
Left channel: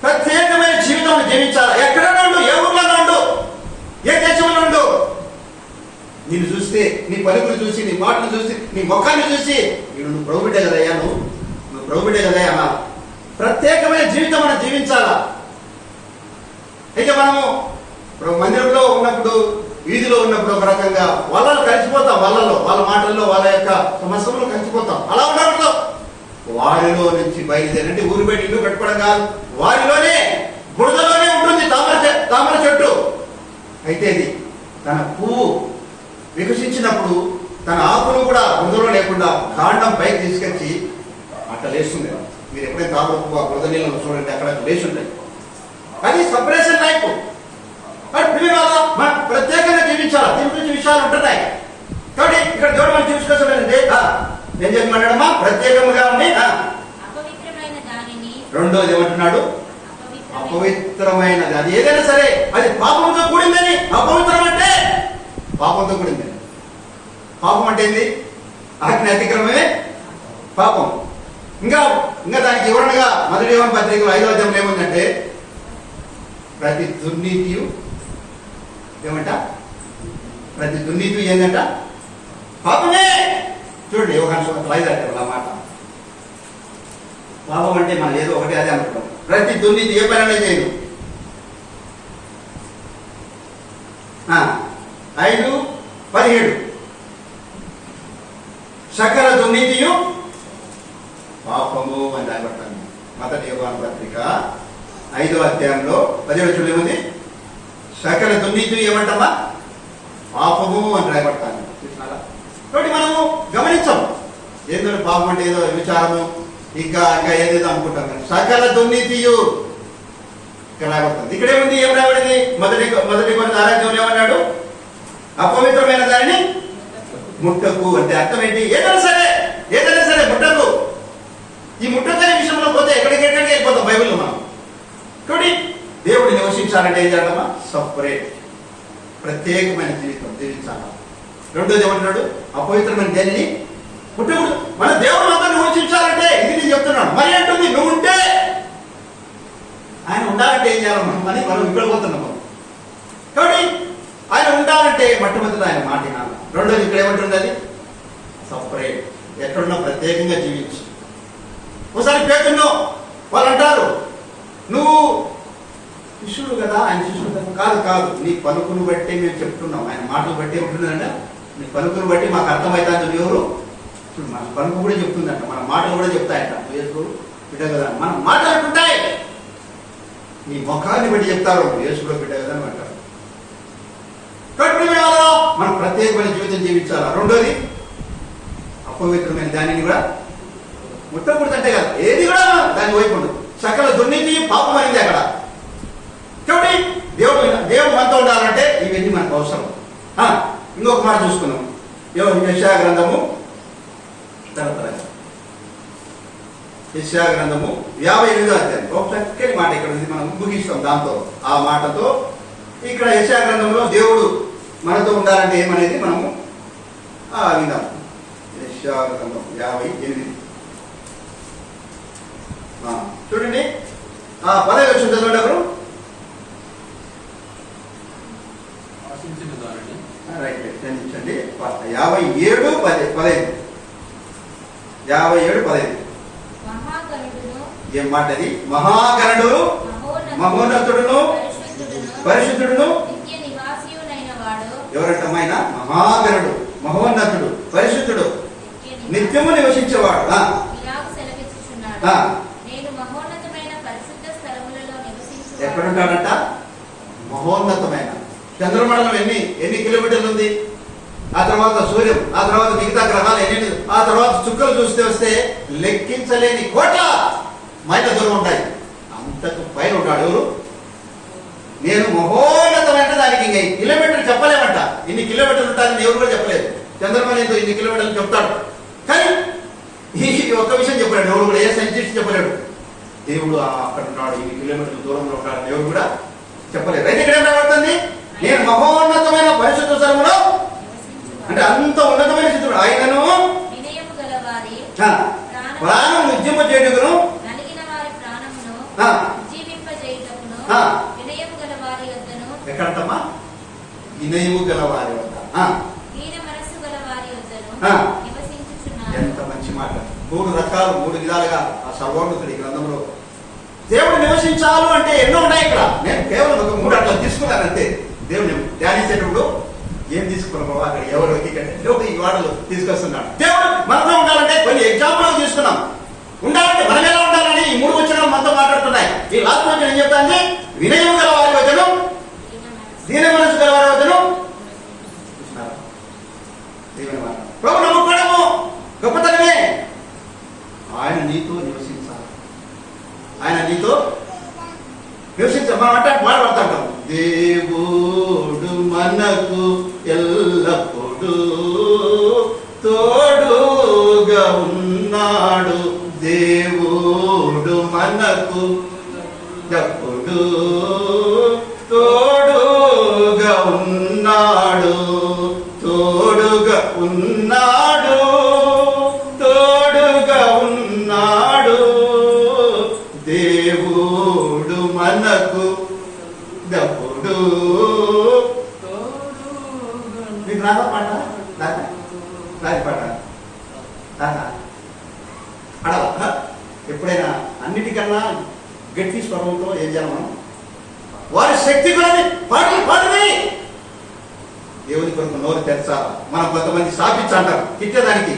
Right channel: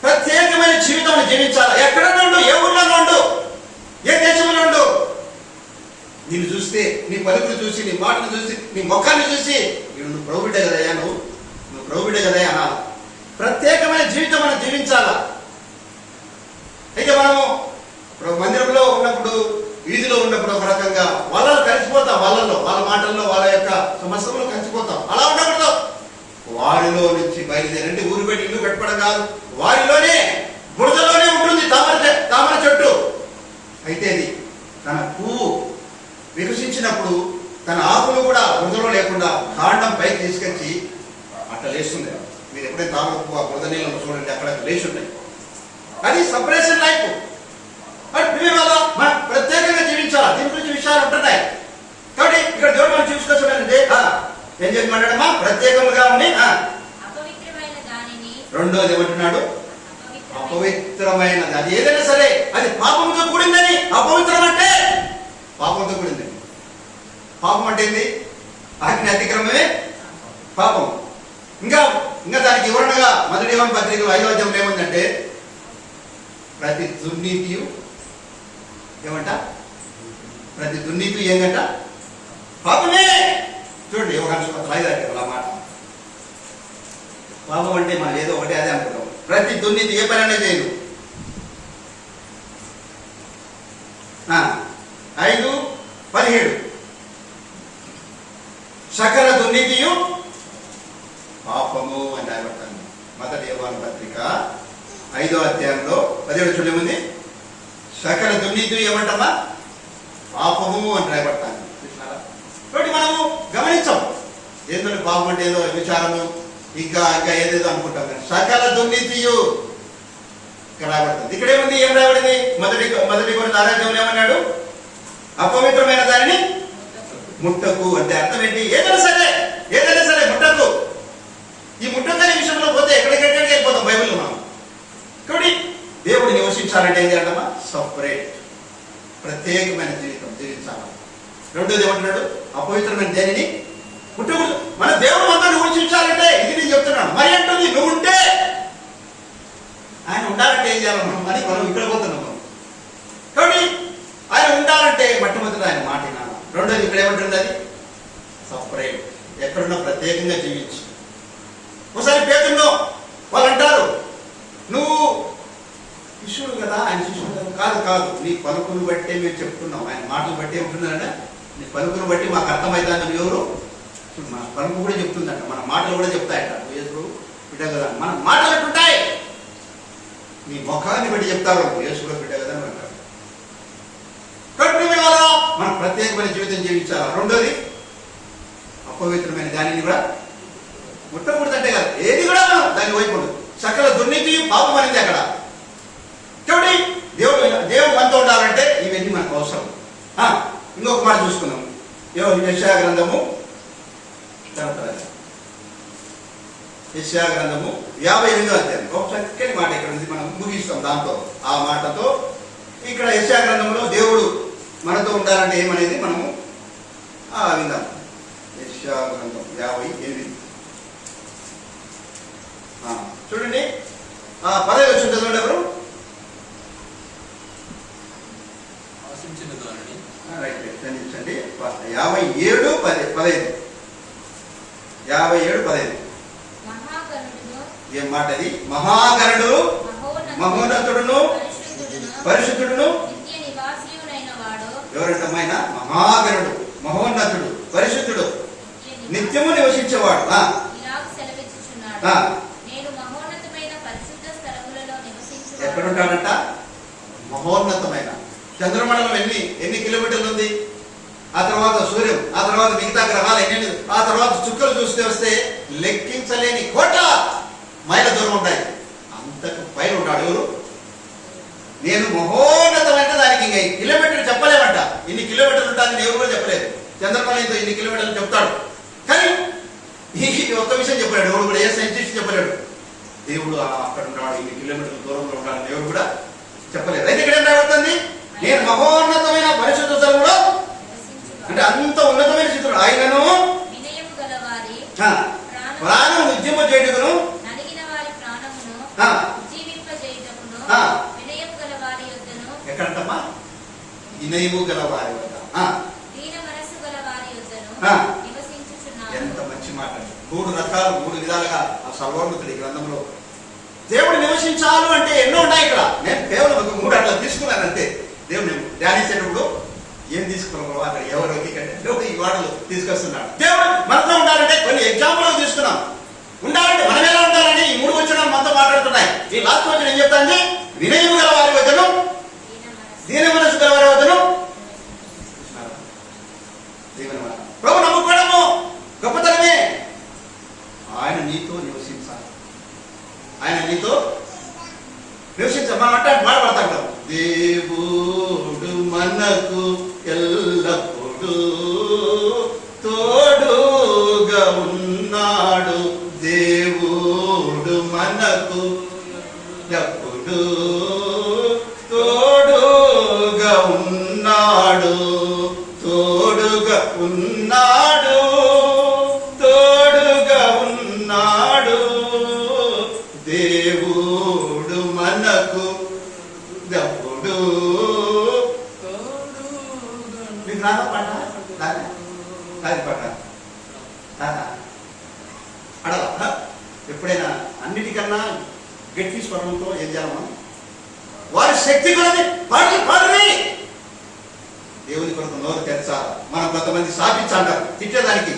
ప్రత్యేకమైన జీవితం జీవించాలి. ఎక్కడ నుండు, ఏ ఊర్లో నుండు, ఏ దేశంలో నుండు. నిన్ను చూస్తే, నీ పలుకులు చూసి, నీ మాటను చూసి, నీ ముఖాన్ని చూసి నువ్వు ప్రభు బిడ్డ కదయ్యా, నువ్వు ప్రభు బిడ్డ కదయ్యా అనాలి. ప్రత్యేకమైన జీవితం మనం జీవించాలా. అయితే మనము మందిరంలో ఉన్నప్పుడు, వీధిలో ఉన్నప్పుడు ఒక రకంగా వాళ్ళలో కలిసిపోతాం, వాళ్ళ మాటల్లో, వాళ్ళ యొక్క సమస్యలు కలిసిపోతాం. అలా ఉండకూడదు. వారిలో నుంచి బయలుదేరంటే ఊరు బయట ఇల్లు కట్టుకోవడం కాదు, వారిలోనే, బురదలోనే ఉంటుంది తామర చెట్టు. అయితే అది తన పువ్వు వికసించినప్పుడు తన ఆకులు కూడా బురదలో లేకుండా కాండం పైకి తీసుకొచ్చి అట్లా లేస్తుంది. మీరు ఎప్పుడైతే తామర పువ్వు ఆ బురద నీళ్ళను చూడండి, అక్కడ లేచి ఉంటాయి. అది సపరేషన్ లైఫ్. మనం ప్రత్యేకంగా జీవించాలి. దీని గురించి విషయాలు ఉంటున్నాయి. కాబట్టి ఇక్కడ దేవుడు మనం చూసుకోవాలంటే ఏం చెప్పమన్నాడమ్మా? ప్రత్యేకంగా ఉంది. రెండోది ఏమంటున్నాడు? అపవిత్రమైనది. అది ఏదైనా సరే అది పాపంతో కూడిందని. అపవిత్రం అంటే పాపంతో కూడిందని. పాపం అంటే ఏంది? ఆజ్ఞ అతిక్రమమే పాపం. ఇంకా దానికి వివరణగా మొదటి యోహాను పత్రికలో 5వ అధ్యాయంలో ఏముందంటే, ప్రతి దుర్నీతియు ఏమంట? ప్రతి దుర్నీతి ఏంటంట? పాపమే. చూడండి యోహాను సువార్తలో 5వ అధ్యాయంలో మాట. పాపం అంటే మనం ఏదో ఒకటి అదే అనుకుంటాం. ప్రతి దుర్నీతి ఏ పని అనేది చేయదు. 5:17 సకల దుర్నీతియు పాపము అని రాయబడతాను. మొదటి యోహాను పత్రిక 5వ అధ్యాయంలో 17 చూడేముంది? సకల దుర్నీతి ఏమంటామా? పాపము అని రాయబడతాను. కాబట్టి మనము గమనించాం. ఏదో పాపం అంటే ఏదో విచారము, ఇంకా ఏదేదో అనుకుంటాం. కానీ సకల దుర్నీతియు ఇక్కడ రాయబడుతుంది. ఇక్కడేముంది? ఏం రాయబడింది? మొదటి కొన్ని ఆరాధ్యంలో ఏమన్నాడు? అపవిత్రమైన దానిని ముట్టకు అంటే అర్థం ఏంటి? ఏదైనా సరే ముట్టకు. ఈ ముట్టకనే విషయంలో పోతే ఎక్కడికెక్కడికి వెళ్ళిపోతాం బైబిల్లో మనం. కాబట్టి దేవుడు నివసించాలంటే ఏం చేద్దామా? సపరేట్, ప్రత్యేకమైన జీవితం జీవించాలి. రెండోది ఏమంటున్నాడు? అపవిత్రమైన దేనిని ముట్టకూడదు. మన దేవుడు అంతా నివసించాలంటే ఇది నేను చెప్తున్నాను. మరి అంటుంది నువ్వు ఉంటే ఆయన ఉండాలంటే ఏం చేయాలి అని మనం ఇక్కడ పోతున్నాం. కాబట్టి ఆయన ఉండాలంటే మొట్టమొదటి ఆయన మాట వినాలి. రెండోది ఇక్కడ ఏమంటుంది? అది సపరేట్, ఎక్కడున్నా ప్రత్యేకంగా జీవించు. ఒకసారి పేతుల్లో వాళ్ళు అంటారు, నువ్వు శిష్యుడు కదా, ఆయన శిష్యుడు కదా. కాదు, నీ పలుకును బట్టి మేము చెప్తున్నాం. ఆయన మాటలు బట్టి ఉంటున్నారంట. నీ పలుకును బట్టి మాకు అర్థమవుతుంది. నువ్వు ఎవరు? మన పలుకు కూడా చెప్తుందంట, మన మాటలు కూడా చెప్తాయంట. యేసు బిడ్డ కదా, మన మాటలు ఎట్లుంటాయి? నీ ముఖాన్ని బట్టి చెప్తారు, యేసు కూడా బిడ్డ కదా అని అంటారు. కాబట్టి మనం ప్రత్యేకమైన జీవితం జీవించాలా. రెండోది అపవిత్రమైన దానిని కూడా ముట్టకూడదంటే కదా, ఏది కూడా దాని వైపు ఉండదు. సకల దుర్నీతి పాపం అనేది అక్కడ. కాబట్టి దేవుడు మనతో ఉండాలంటే ఇవన్నీ మనకు అవసరం. ఇంకొక మాట చూసుకున్నాం. యెషయా గ్రంథము 58వ అధ్యాయం ఒక చక్కని మాట ఇక్కడ ఉంది. మనం ముగిస్తాం దాంతో, ఆ మాటతో. ఇక్కడ యెషయా గ్రంథంలో దేవుడు మనతో ఉండాలంటే ఏమనేది మనము విందాం. యెషయా గ్రంథం 58 చూడండి. 10వ వచనం చదవండి ఎవరు? రైట్, క్షమించండి. 57:15 ఏం మాట అది? మహాగణుడు, మహోన్నతుడును, పరిశుద్ధుడును. ఎవరంటమ్మాయన? మహాగణుడు, మహోన్నతుడు, పరిశుద్ధుడు, నిత్యము నివసించేవాడు. ఎక్కడుంటాడంట? మహోన్నతమైన. చంద్రమండలం ఎన్ని కిలోమీటర్లు ఉంది? ఆ తర్వాత సూర్యం, ఆ తర్వాత మిగతా గ్రహాలు ఎన్ని, ఆ తర్వాత చుక్కలు వస్తే లెక్కించలేని కోట్ల మైళ్ళ దూరం ఉంటాయి. అంతకు పైన ఉంటాడు ఎవరు? నేను మహోన్నతమైన దానికి దానికి ఇంకా కిలోమీటర్లు చెప్పలేమంట. ఇన్ని కిలోమీటర్లు ఉంటాయని ఎవరు కూడా చెప్పలేదు. చంద్రబాబు ఇన్ని కిలోమీటర్లు చెప్తాడు, కానీ ఈ ఒక్క విషయం చెప్పలేడు. ఎవరు కూడా, ఏ సైంటిస్ట్ చెప్పలేడు దేవుడు అక్కడ ఉంటాడు, ఇన్ని కిలోమీటర్ల దూరంలో ఉంటాడు ఎవరు కూడా చెప్పలేదు. అయితే ఇక్కడ ఏం రాబడుతుంది, నేను మహోన్నతమైన పరిశుద్ధ స్థలములో, అంటే అంత ఉన్నతమైన స్థితిలో ఆయనను ప్రాణం ఉద్యమ చేయుటకును ఎక్కడంటమ్మా, వినయము గల వారి వద్ద, ఎంత మంచి మాట. 3 రకాలు 3 విధాలుగా ఆ సర్వోన్నతుడి గ్రంథంలో దేవుడు నివసించాలు అంటే ఎన్నో ఉన్నాయి. ఇక్కడ నేను కేవలం ఒక 3 అట్లా తీసుకున్నాను అంతే. దేవుడు ధ్యానించేటప్పుడు ఏం తీసుకున్నాం అక్కడ ఎవరు దేవుడు ఈ వాడలు తీసుకొస్తున్నాడు. దేవుడు మనతో ఉండాలంటే కొన్ని ఎగ్జాంపుల్ తీసుకున్నాం. ఉండాలంటే మనం ఎలా ఉండాలని ఈ 3 వచనాలు మనతో మాట్లాడుతున్నాయి. ఈ లాస్ట్ వచనం ఏం చెప్తాంది, వినయము గల వారి వచనం, దీన మనసు గల వారి వచనం. ప్రభు నమ్ముకోవడము గొప్పతనమే. ఆయన నీతో నివసించాలి, ఆయన నీతో నివసించాలి. మనం అంటే మాట్లాడుతుంటాం, దేవుడు మనకు ఎల్లప్పుడూ తోడుగా ఉన్నాడు, దేవుడు మనకు ఎప్పుడు తోడుగా ఉన్నాడు, తోడుగా ఉన్నాడు, తోడుగా ఉన్నాడు, దేవుడు మనకు ఎప్పుడు. మీకు రాదా పాట? రాదు పాట అడగా. ఎప్పుడైనా అన్నిటికన్నా గట్టి స్వరంతో ఏం చేయాలి మనం, వారి శక్తి కూడా పాటని దేవుని కొరకు నోరు తెరచాలి. మనం కొంతమంది సాపించాలంటారు తిట్టేదానికి,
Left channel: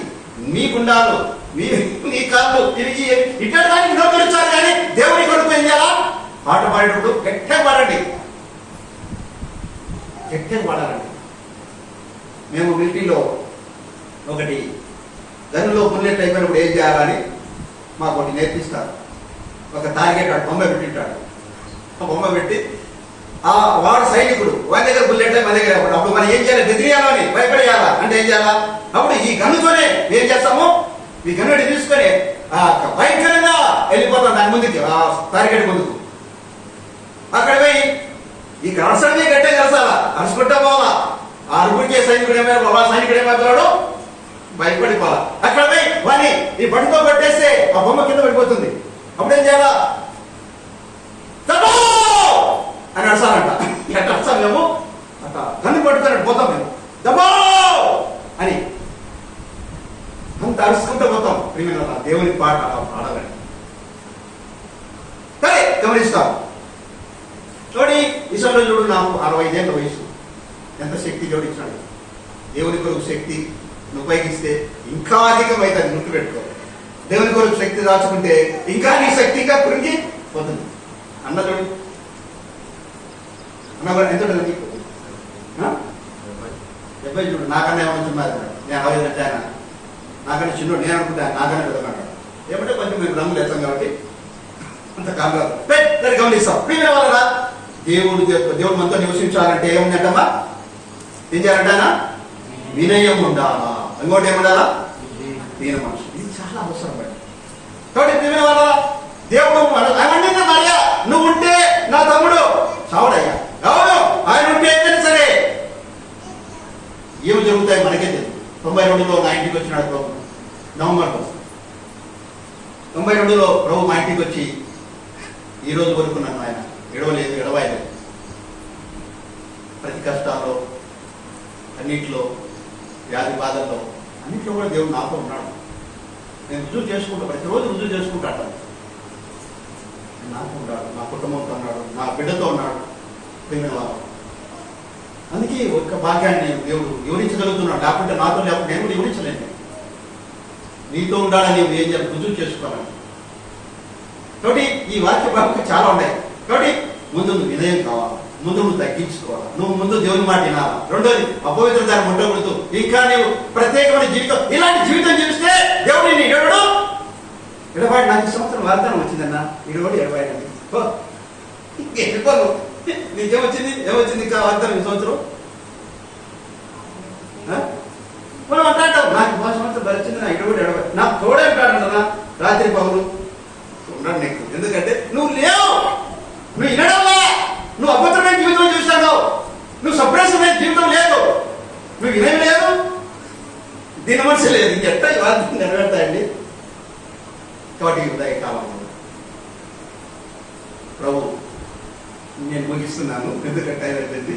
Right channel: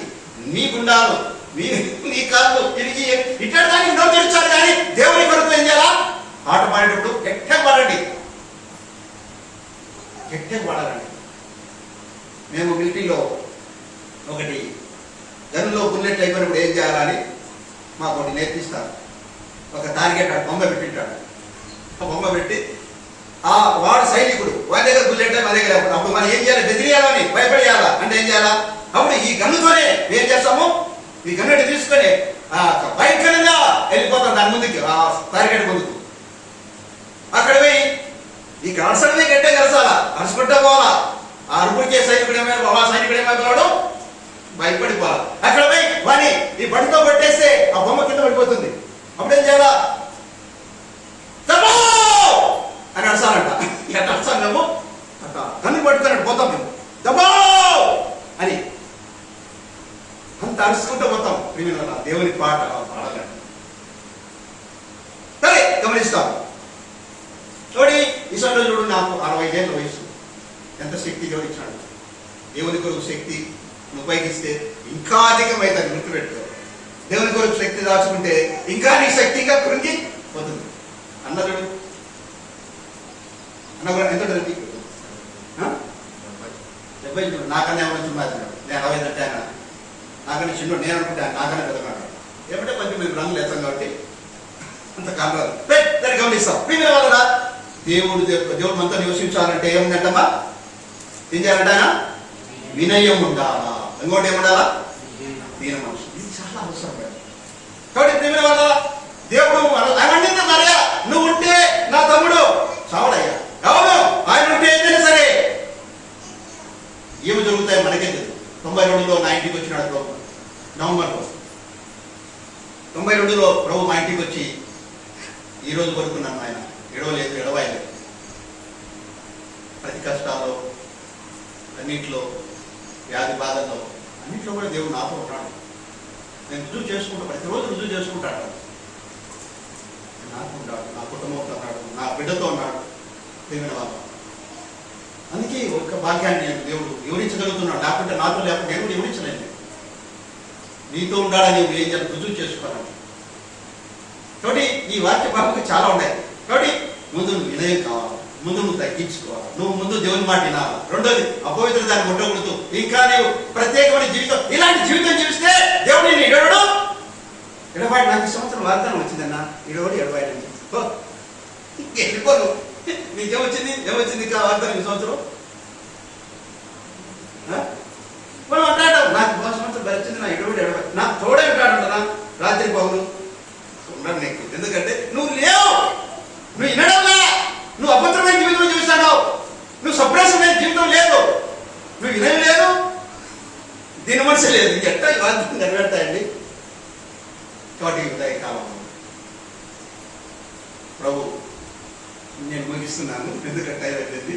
మీ గుండాలు మీ కాళ్ళు తిరిగి ఇట్టడానికి నోరు తెరచాలి. కానీ దేవుని కొరకు ఏం చేయాలా, పాట పాడేటప్పుడు గట్టిగా పాడండి, గట్టిగా పాడాలండి. మేము మిలిటరీలో ఒకటి గన్నులో బుల్లెట్ అయిపోయినప్పుడు ఏం చేయాలని మాకు ఒకటి నేర్పిస్తారు. ఒక టార్గెట్ బొమ్మ పెట్టింటాడు, ఆ బొమ్మ పెట్టి ఆ వాడు సైనికుడు, వాడి దగ్గర బుల్లెట్ మన దగ్గర, అప్పుడు మనం ఏం చేయాలి, బెదిరియాలని భయపడేయాలా అంటే ఏం చేయాలా, అప్పుడు ఈ గన్నుతోనే ఏం చేస్తాము, ఈ గన్నుని తీసుకొని భయంకరంగా వెళ్ళిపోతాం దాని ముందుకి, ఆ టార్గెట్ ముందుకు. అక్కడ పోయి ఈ అరసడమే గట్టే కలసాలా, అరుచుకుంటా పోవాలా. ఆ అరుపుడికే సైనికుడు ఏమైనా సైనికుడు ఏమైపోతాడు, భయపడిపోవాలా. అక్కడ పోయి వాని ఈ బండితో కొట్టేస్తే ఆ బొమ్మ కింద పడిపోతుంది. అప్పుడేం చేయాలా, అని అరసాలంట. ఎట్లా అరసాలి మేము, అట్ట గన్ను పట్టుకున్నట్టు పోతాం మేము, దబో అని అంత అరుచుకుంటూ పోతాం. ప్రియమైన దేవుని పాట పాడాలండి. సరే గమనిస్తాం. చూడి ఈశ్వరుడు చూడు, నాకు 65 ఏళ్ళ వయసు, ఎంత శక్తి జోడించాడు. దేవుని కొరకు శక్తి ఉపయోగిస్తే ఇంకా అధికమైతే గుర్తుపెట్టుకో. దేవుని కొరకు శక్తి దాచుకుంటే ఇంకా నీ శక్తిగా కృంగి పోతుంది. అన్న చూడు, అన్న కూడా ఎంత ఉంటుంది నీకు, 70 చూడు. నాకన్నా ఏమైనా చిన్నారు, నేను 60 అంటే నాకన్నా చిన్నోడు, నేను అనుకుంటాను నాకన్నా పెద్దన్నాడు. ఏమంటే కొంచెం మేము రంగులు ఎత్తాం కాబట్టి అంత కాదు. దాన్ని గమనిస్తాం. ప్రియమైన వల్ల దేవుడు మనతో నివసించాలంటే ఏముందంటమ్మా, ఏం చేయాలంటే ఆయన వినయం ఉండాలా, ఇంకోటి ఏముండాలా, దీన మనసు. ఇది చాలా అవసరం. కాబట్టి ప్రియమైన వల్ల దేవుడు అవన్నీ మరియా, నువ్వు ఉంటే నా తమ్ముడు చావడయ్యా, అవును ఆయన ఉంటే ఏదైనా సరే. ఏమి జరుగుతాయి మనకే తెలియదు. 92లో నా ఇంటికి వచ్చినాడు ప్రభు, నవంబర్లో 92లో ప్రభు మా ఇంటికి వచ్చి ఈ రోజు వరకు నన్ను ఆయన ఎడవాయలేదు. ప్రతి కష్టాల్లో, అన్నింటిలో, వ్యాధి బాధల్లో, అన్నింటిలో కూడా దేవుడు నాతో ఉన్నాడు. నేను రుజువు చేసుకుంటా, ప్రతిరోజు రుజువు చేసుకుంటాను. నాతో ఉన్నాడు, నా కుటుంబంతో ఉన్నాడు, నా బిడ్డతో ఉన్నాడు. అందుకే ఒక భాగ్యాన్ని దేవుడు వివరించగలుగుతున్నాడు. లేకుంటే నాతో లేకపోతే నేను కూడా వివరించలేను. నీతో ఉండాలని నువ్వు ఏం చేయాలి, రుజువు చేసుకోవాలి. కాబట్టి ఈ వాక్య భాగంగా చాలా ఉన్నాయి. కాబట్టి ముందు నువ్వు వినయం కావాలి, ముందు నువ్వు తగ్గించుకోవాలి, నువ్వు ముందు దేవుని మాట వినాలి. రెండోది అపవిత్రతను ముట్టకూడదు. ఇంకా నీవు ప్రత్యేకమైన జీవితం, ఇలాంటి జీవితం జీవిస్తే దేవుడు నేను ఇడవడు. 74 సంవత్సరం వాగ్దానం వచ్చిందన్న, 70 వెళ్ళిపోను. నీకేమొచ్చింది? ఏమొచ్చింది ఇంకా వాగ్దానం ఈ సంవత్సరం? మనం అంటాం నాకు 10 సంవత్సరం భరించింది, నా 20 నాకు తోడే ఉంటాడంటనా రాత్రి పగులు ఉన్నాడు నీకు. ఎందుకంటే నువ్వు లేవు, నువ్వు వినడంలే, నువ్వు అభద్రమైన జీవితం చూస్తావు, నువ్వు సప్రెసమైన జీవితం లేదు, నువ్వు వినేవి లేదు, దీని మనసు లేదు. ఇంకెట్టా ఈ వాగ్దానం నెరవేరుతాయండి? కాబట్టి ఉదయ కాలంలో ప్రభు నేను ముగిస్తున్నాను, ఎందుకంటే టైం అయిపోయింది.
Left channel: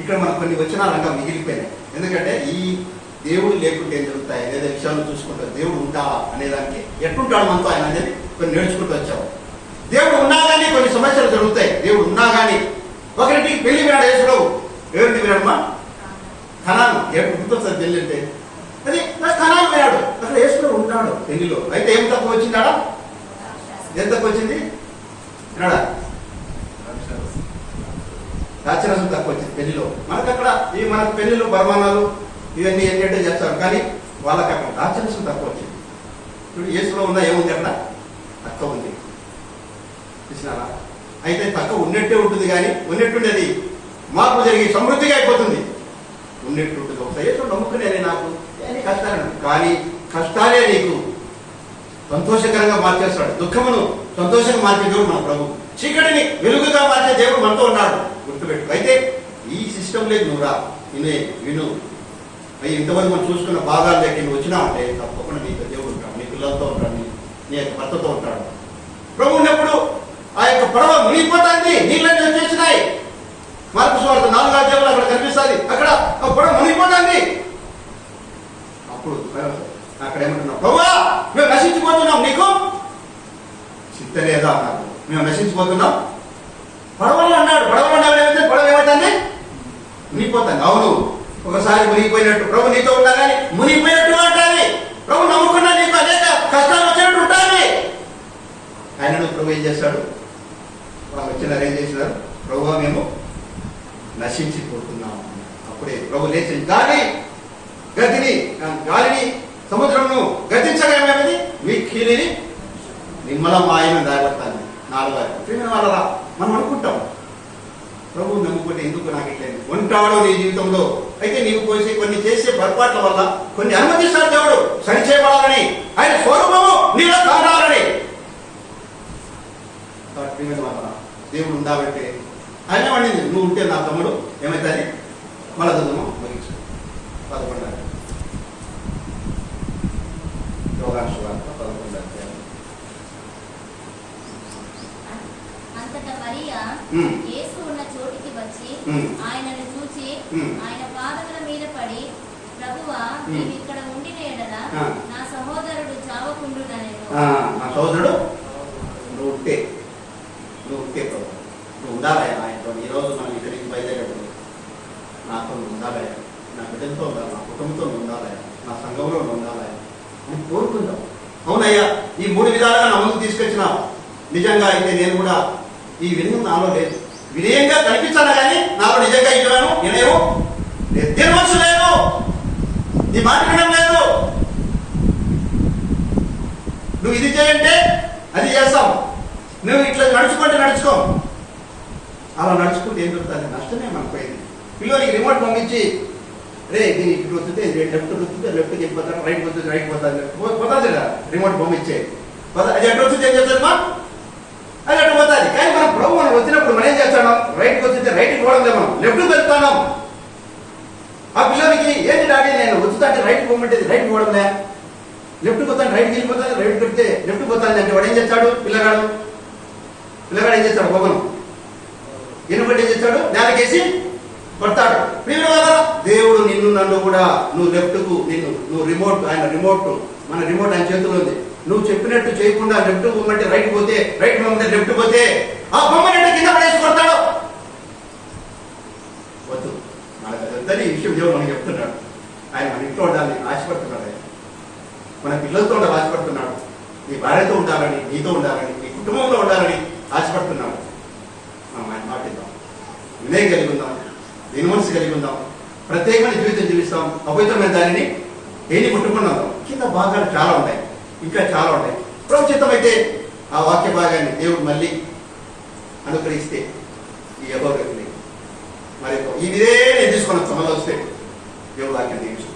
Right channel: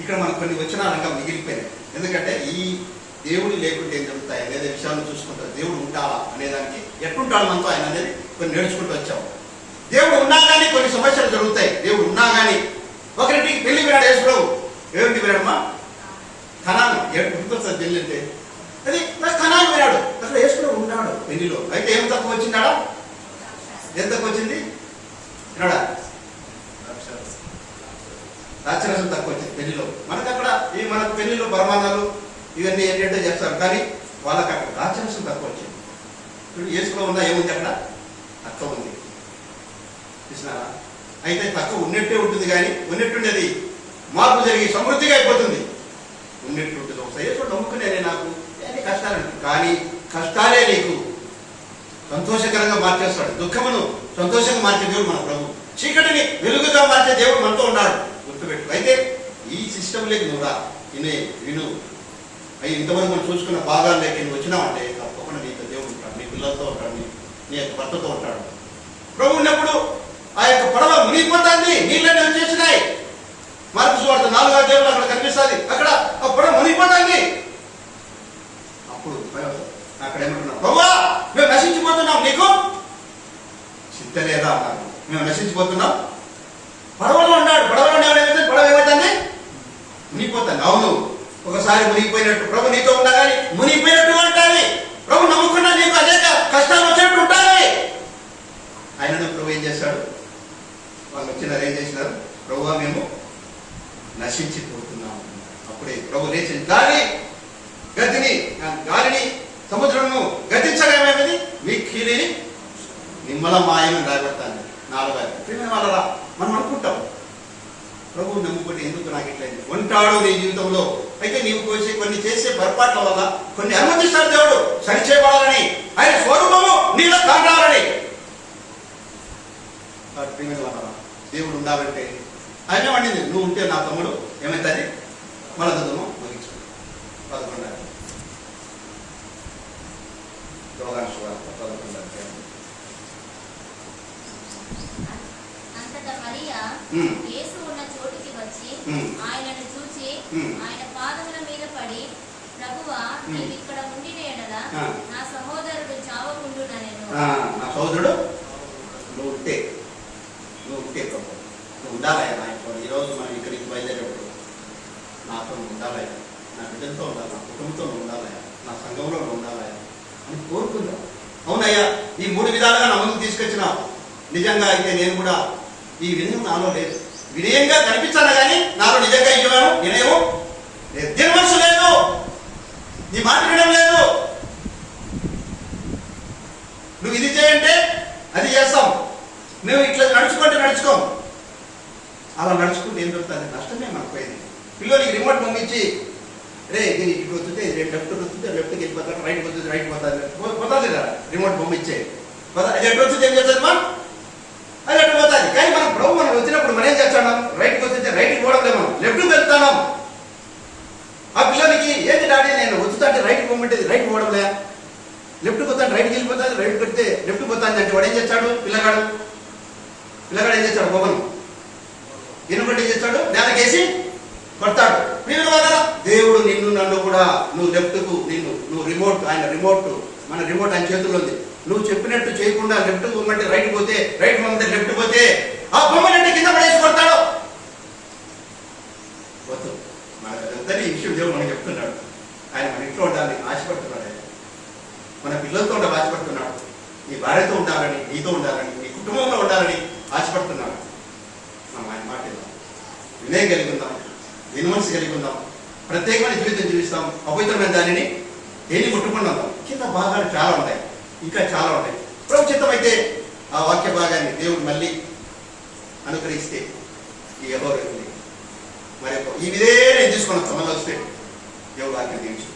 ఇక్కడ మనకు కొన్ని వచనాలంగా మిగిలిపోయినాయి. ఎందుకంటే ఈ దేవుడు లేకుంటే ఏం జరుగుతాయి లేదా విషయాలను చూసుకుంటారు. దేవుడు ఉంటావా అనేదానికి ఎట్టుంటాడు మనతో ఆయన అనేది కొన్ని నేర్చుకుంటూ వచ్చాము. దేవుడు ఉన్నా కానీ కొన్ని సమస్యలు జరుగుతాయి. దేవుడు ఉన్నా కానీ ఒకరింటికి పెళ్లి వినాడు యేసుప్రభు. ఎవరింటికి వినాడమ్మా? కనాను. గుర్తొస్తుంది పెళ్లి అంటే అది కనాను వినాడు. అసలు యేసుప్రభు ఉన్నాడు పెళ్లిలో. అయితే ఏం తక్కువ వచ్చిందాడా? ఏం తక్కువ వచ్చింది వినాడా? రాక్షరసం తక్కువ వచ్చింది పెళ్లిలో. మనకు అక్కడ ఈ మనకు పెళ్లిలో బర్మానాలు ఇవన్నీ ఏంటంటే చేస్తారు, కానీ వాళ్ళకి అక్కడ రాక్షరసం తక్కువ వచ్చింది. ఇప్పుడు యేసులో ఉందా? ఏముంది అక్కడ? తక్కువ ఉంది. చూసినారా? అయితే తక్కువ ఉన్నట్టే ఉంటుంది, కానీ ఉన్నట్టుండేది మార్పు జరిగి సమృద్ధిగా అయిపోతుంది. ఉన్నట్టు ఉంటుంది. ఒకసారి యేసు నమ్ముకునేది నాకు అన్ని కష్టాలు, కానీ కష్టాలే నీకు సంతోషకరంగా మార్చేస్తాడు. దుఃఖమును సంతోషంగా మార్చే దేవుడు మన ప్రభు. చీకటిని వెలుగుగా మార్చే దేవుడు మనతో ఉన్నాడు. గుర్తుపెట్టు. అయితే ఈ సిస్టమ్ లేదు, నువ్వు రా విను. అవి ఇంతవరకు మనం చూసుకున్న భాగాలు లేక నువ్వు వచ్చినావంటే తప్పకుండా నీకు దేవుడు ఉంటాడు, నీ పిల్లలతో ఉంటాడు, నీ యొక్క భర్తతో ఉంటాడు. ప్రభు ఉన్నప్పుడు ఆ యొక్క పడవ మునిగిపోతుంది, నీళ్ళని వచ్చేసినాయి. మార్పు సువార్త 4వ అధ్యాయంలో అక్కడ కనిపిస్తుంది. అక్కడ ఆ పడవ మునిగిపోతుంది. అప్పుడు అక్కడ ఏమంటున్నాం? ప్రభువా మేము నశించిపోతున్నాం, నీకు చిత్త లేదా అన్నారు. మేము నశించిపోతున్నాం. పడవలో ఉన్నాడు. పడవలో ఏమైతే పడవ ఏమవుతుంది? మునిగిపోతుంది. అవును, ఒకసారి మునిగిపోయినట్టు ప్రభు నీతో ఉన్నా కానీ మునిగిపోయినట్టు ఉంటుంది. ప్రభు నమ్ముకున్నా నీకు అనేక కష్టాలు వచ్చినట్టు ఉంటుంది. ఆయనను ప్రభు ఏం చేస్తాడు? వాళ్ళు వచ్చినారు, ఏం చేసినారు? ప్రభువా మేము నశించిపోతున్నాము. అప్పుడే ప్రభు లేచి గాలిని సముద్రమును గతించగా ఏమేమిది? మీ కీలిని నిమ్మలమాయమని రాయబడతాను. 4 వాళ్ళ మనం అనుకుంటాం ప్రభు నమ్ముకుంటే ఎందుకు నాకు ఇట్లయింది ఉంటాడో నీ జీవితంలో. అయితే నీవు కొన్ని చేసే పొరపాట్ల వల్ల కొన్ని అనుమతిస్తాడు దేవుడు సరి చేయబడాలని, ఆయన స్వరూపము నీలో కావాలని. దేవుడు ఉండాలంటే ఆయన వండింది. నువ్వు ఉంటే నా తమ్ముడు ఏమైతుంది? మళ్ళా చదువు ముగించు. 11 అంతటా మరియా యేసు ఉన్న చోటికి వచ్చి ఆయనను చూచి ఆయన పాదముల మీద పడి, ప్రభువా నీవు ఇక్కడ ఉండిన యెడల నా సహోదరుడు చావకుండుననెను. నా సహోదరుడు నువ్వు ఉంటే ప్రభు నువ్వు ఉండాలయ్యా ఆయనతో. ఈరోజు మనం ఇక్కడికి బయలుదేరేటప్పుడు నాతో ఉండాలయ్యా, నా బిడ్డలతో ఉండాలి, నా కుటుంబంతో ఉండాలయ్యా, నా సంఘంలో ఉండాలయ్యా అని కోరుకుందాం. అవునయ్యా, ఈ 3 విధాలుగా నా ముందుకు తీసుకొచ్చినావు. నిజంగా అయితే నేను కూడా ఈ వినయం నాలో లేదు. వినయంగా కనిపించాను కానీ నాలో నిజంగా ఇవ్వను వినయం లేదు, మనసు లేదు, నీ మాట వినడం లేదు. నువ్వు ఇది చేయంటే అది చేస్తాం, నువ్వు ఇట్లా నడుచుకుంటే నడుచుకోం. అలా నడుచుకుంటే ఏం దొరుకుతుంది? నష్టమే మనకు పోయింది. పిల్లలకి రిమోట్ పంపించి రే దీనికి ఇటు వస్తుంది, లెఫ్ట్ వస్తుంది, లెఫ్ట్కి వెళ్ళిపోతాను, రైట్ వస్తుంది, రైట్ పోతుంది కదా రిమోట్ పంపించే. అది ఎటు వస్తుంది ఏం చేస్తుంది? మా అది అటు పోతుంది. కానీ మనం ప్రభు మనం వచ్చినప్పుడు మనం ఏం చేస్తాం? రైట్కి వస్తుంటే రైట్కి పోవడం లేదు, మనం లెఫ్ట్కి వెళ్తాను. ఆ పిల్లలకి ఏంటి డాడీ నేను వచ్చుతాంటే రైట్కి పోమంటే రైట్ పోవడం లే, లెఫ్ట్కి పోతాను, రైట్కి వెళ్ళిపోతాను, రైట్ పెడితే లెఫ్ట్కి పోతాను అంటే వాడు ఏం చేస్తాడు? పిల్లగాడు ఏం చేస్తాడు? పొగను ఎన్నుబట్టి ఏం చేస్తాడు? నేలకేసి కొడతాడు. దేవుడు నిన్ను నన్ను కూడా నువ్వు లెఫ్ట్కు నువ్వు రిమోట్, ఆయన రిమోట్, మన రిమోట్ ఆయన చేతుల్లో ఉంది. నువ్వు చెప్పినట్టు చేయకుండా లెఫ్ట్ పోమంటే రైట్ పోతే, రైట్ పోమంటే లెఫ్ట్ పోతే ఆ బొమ్మనంటే కింద పడేసి కొడతాడు. వద్దు, మనకు ఈ విషయం దేవుడు మనకి చెప్తున్నాడు. ఆయన మన ఇంట్లో ఉండాలని ఆశపడుతున్నాడు, మన పిల్లలతో ఉండాలి ఆశపడుతున్నాడు, నీ భార్యతో ఉండాలని, నీతో ఉండాలని, నీ కుటుంబంలో ఉండాలని ఆశపడుతున్నాడు. మనం ఆయన మాటిద్దాం, వినయం కలిగి ఉందాం, దీని మనసు కలిగి ఉందాం, ప్రత్యేకమైన జీవితం జీవిస్తాం, అపవిత్రమైన దానిని దేన్ని ముట్టుకున్నాం. కింద భాగాలు చాలా ఉంటాయి, ఇంకా చాలా ఉంటాయి. ప్రభు చిత్తం అయితే ఆ వాక్య భాగాన్ని దేవుడు మళ్ళీ అనుగ్రహిస్తే ఈ ఎవరు ఇదే నేను తీసుకొని వస్తాం మళ్ళీ వస్తే దేవుడు వాక్యం దీవించు.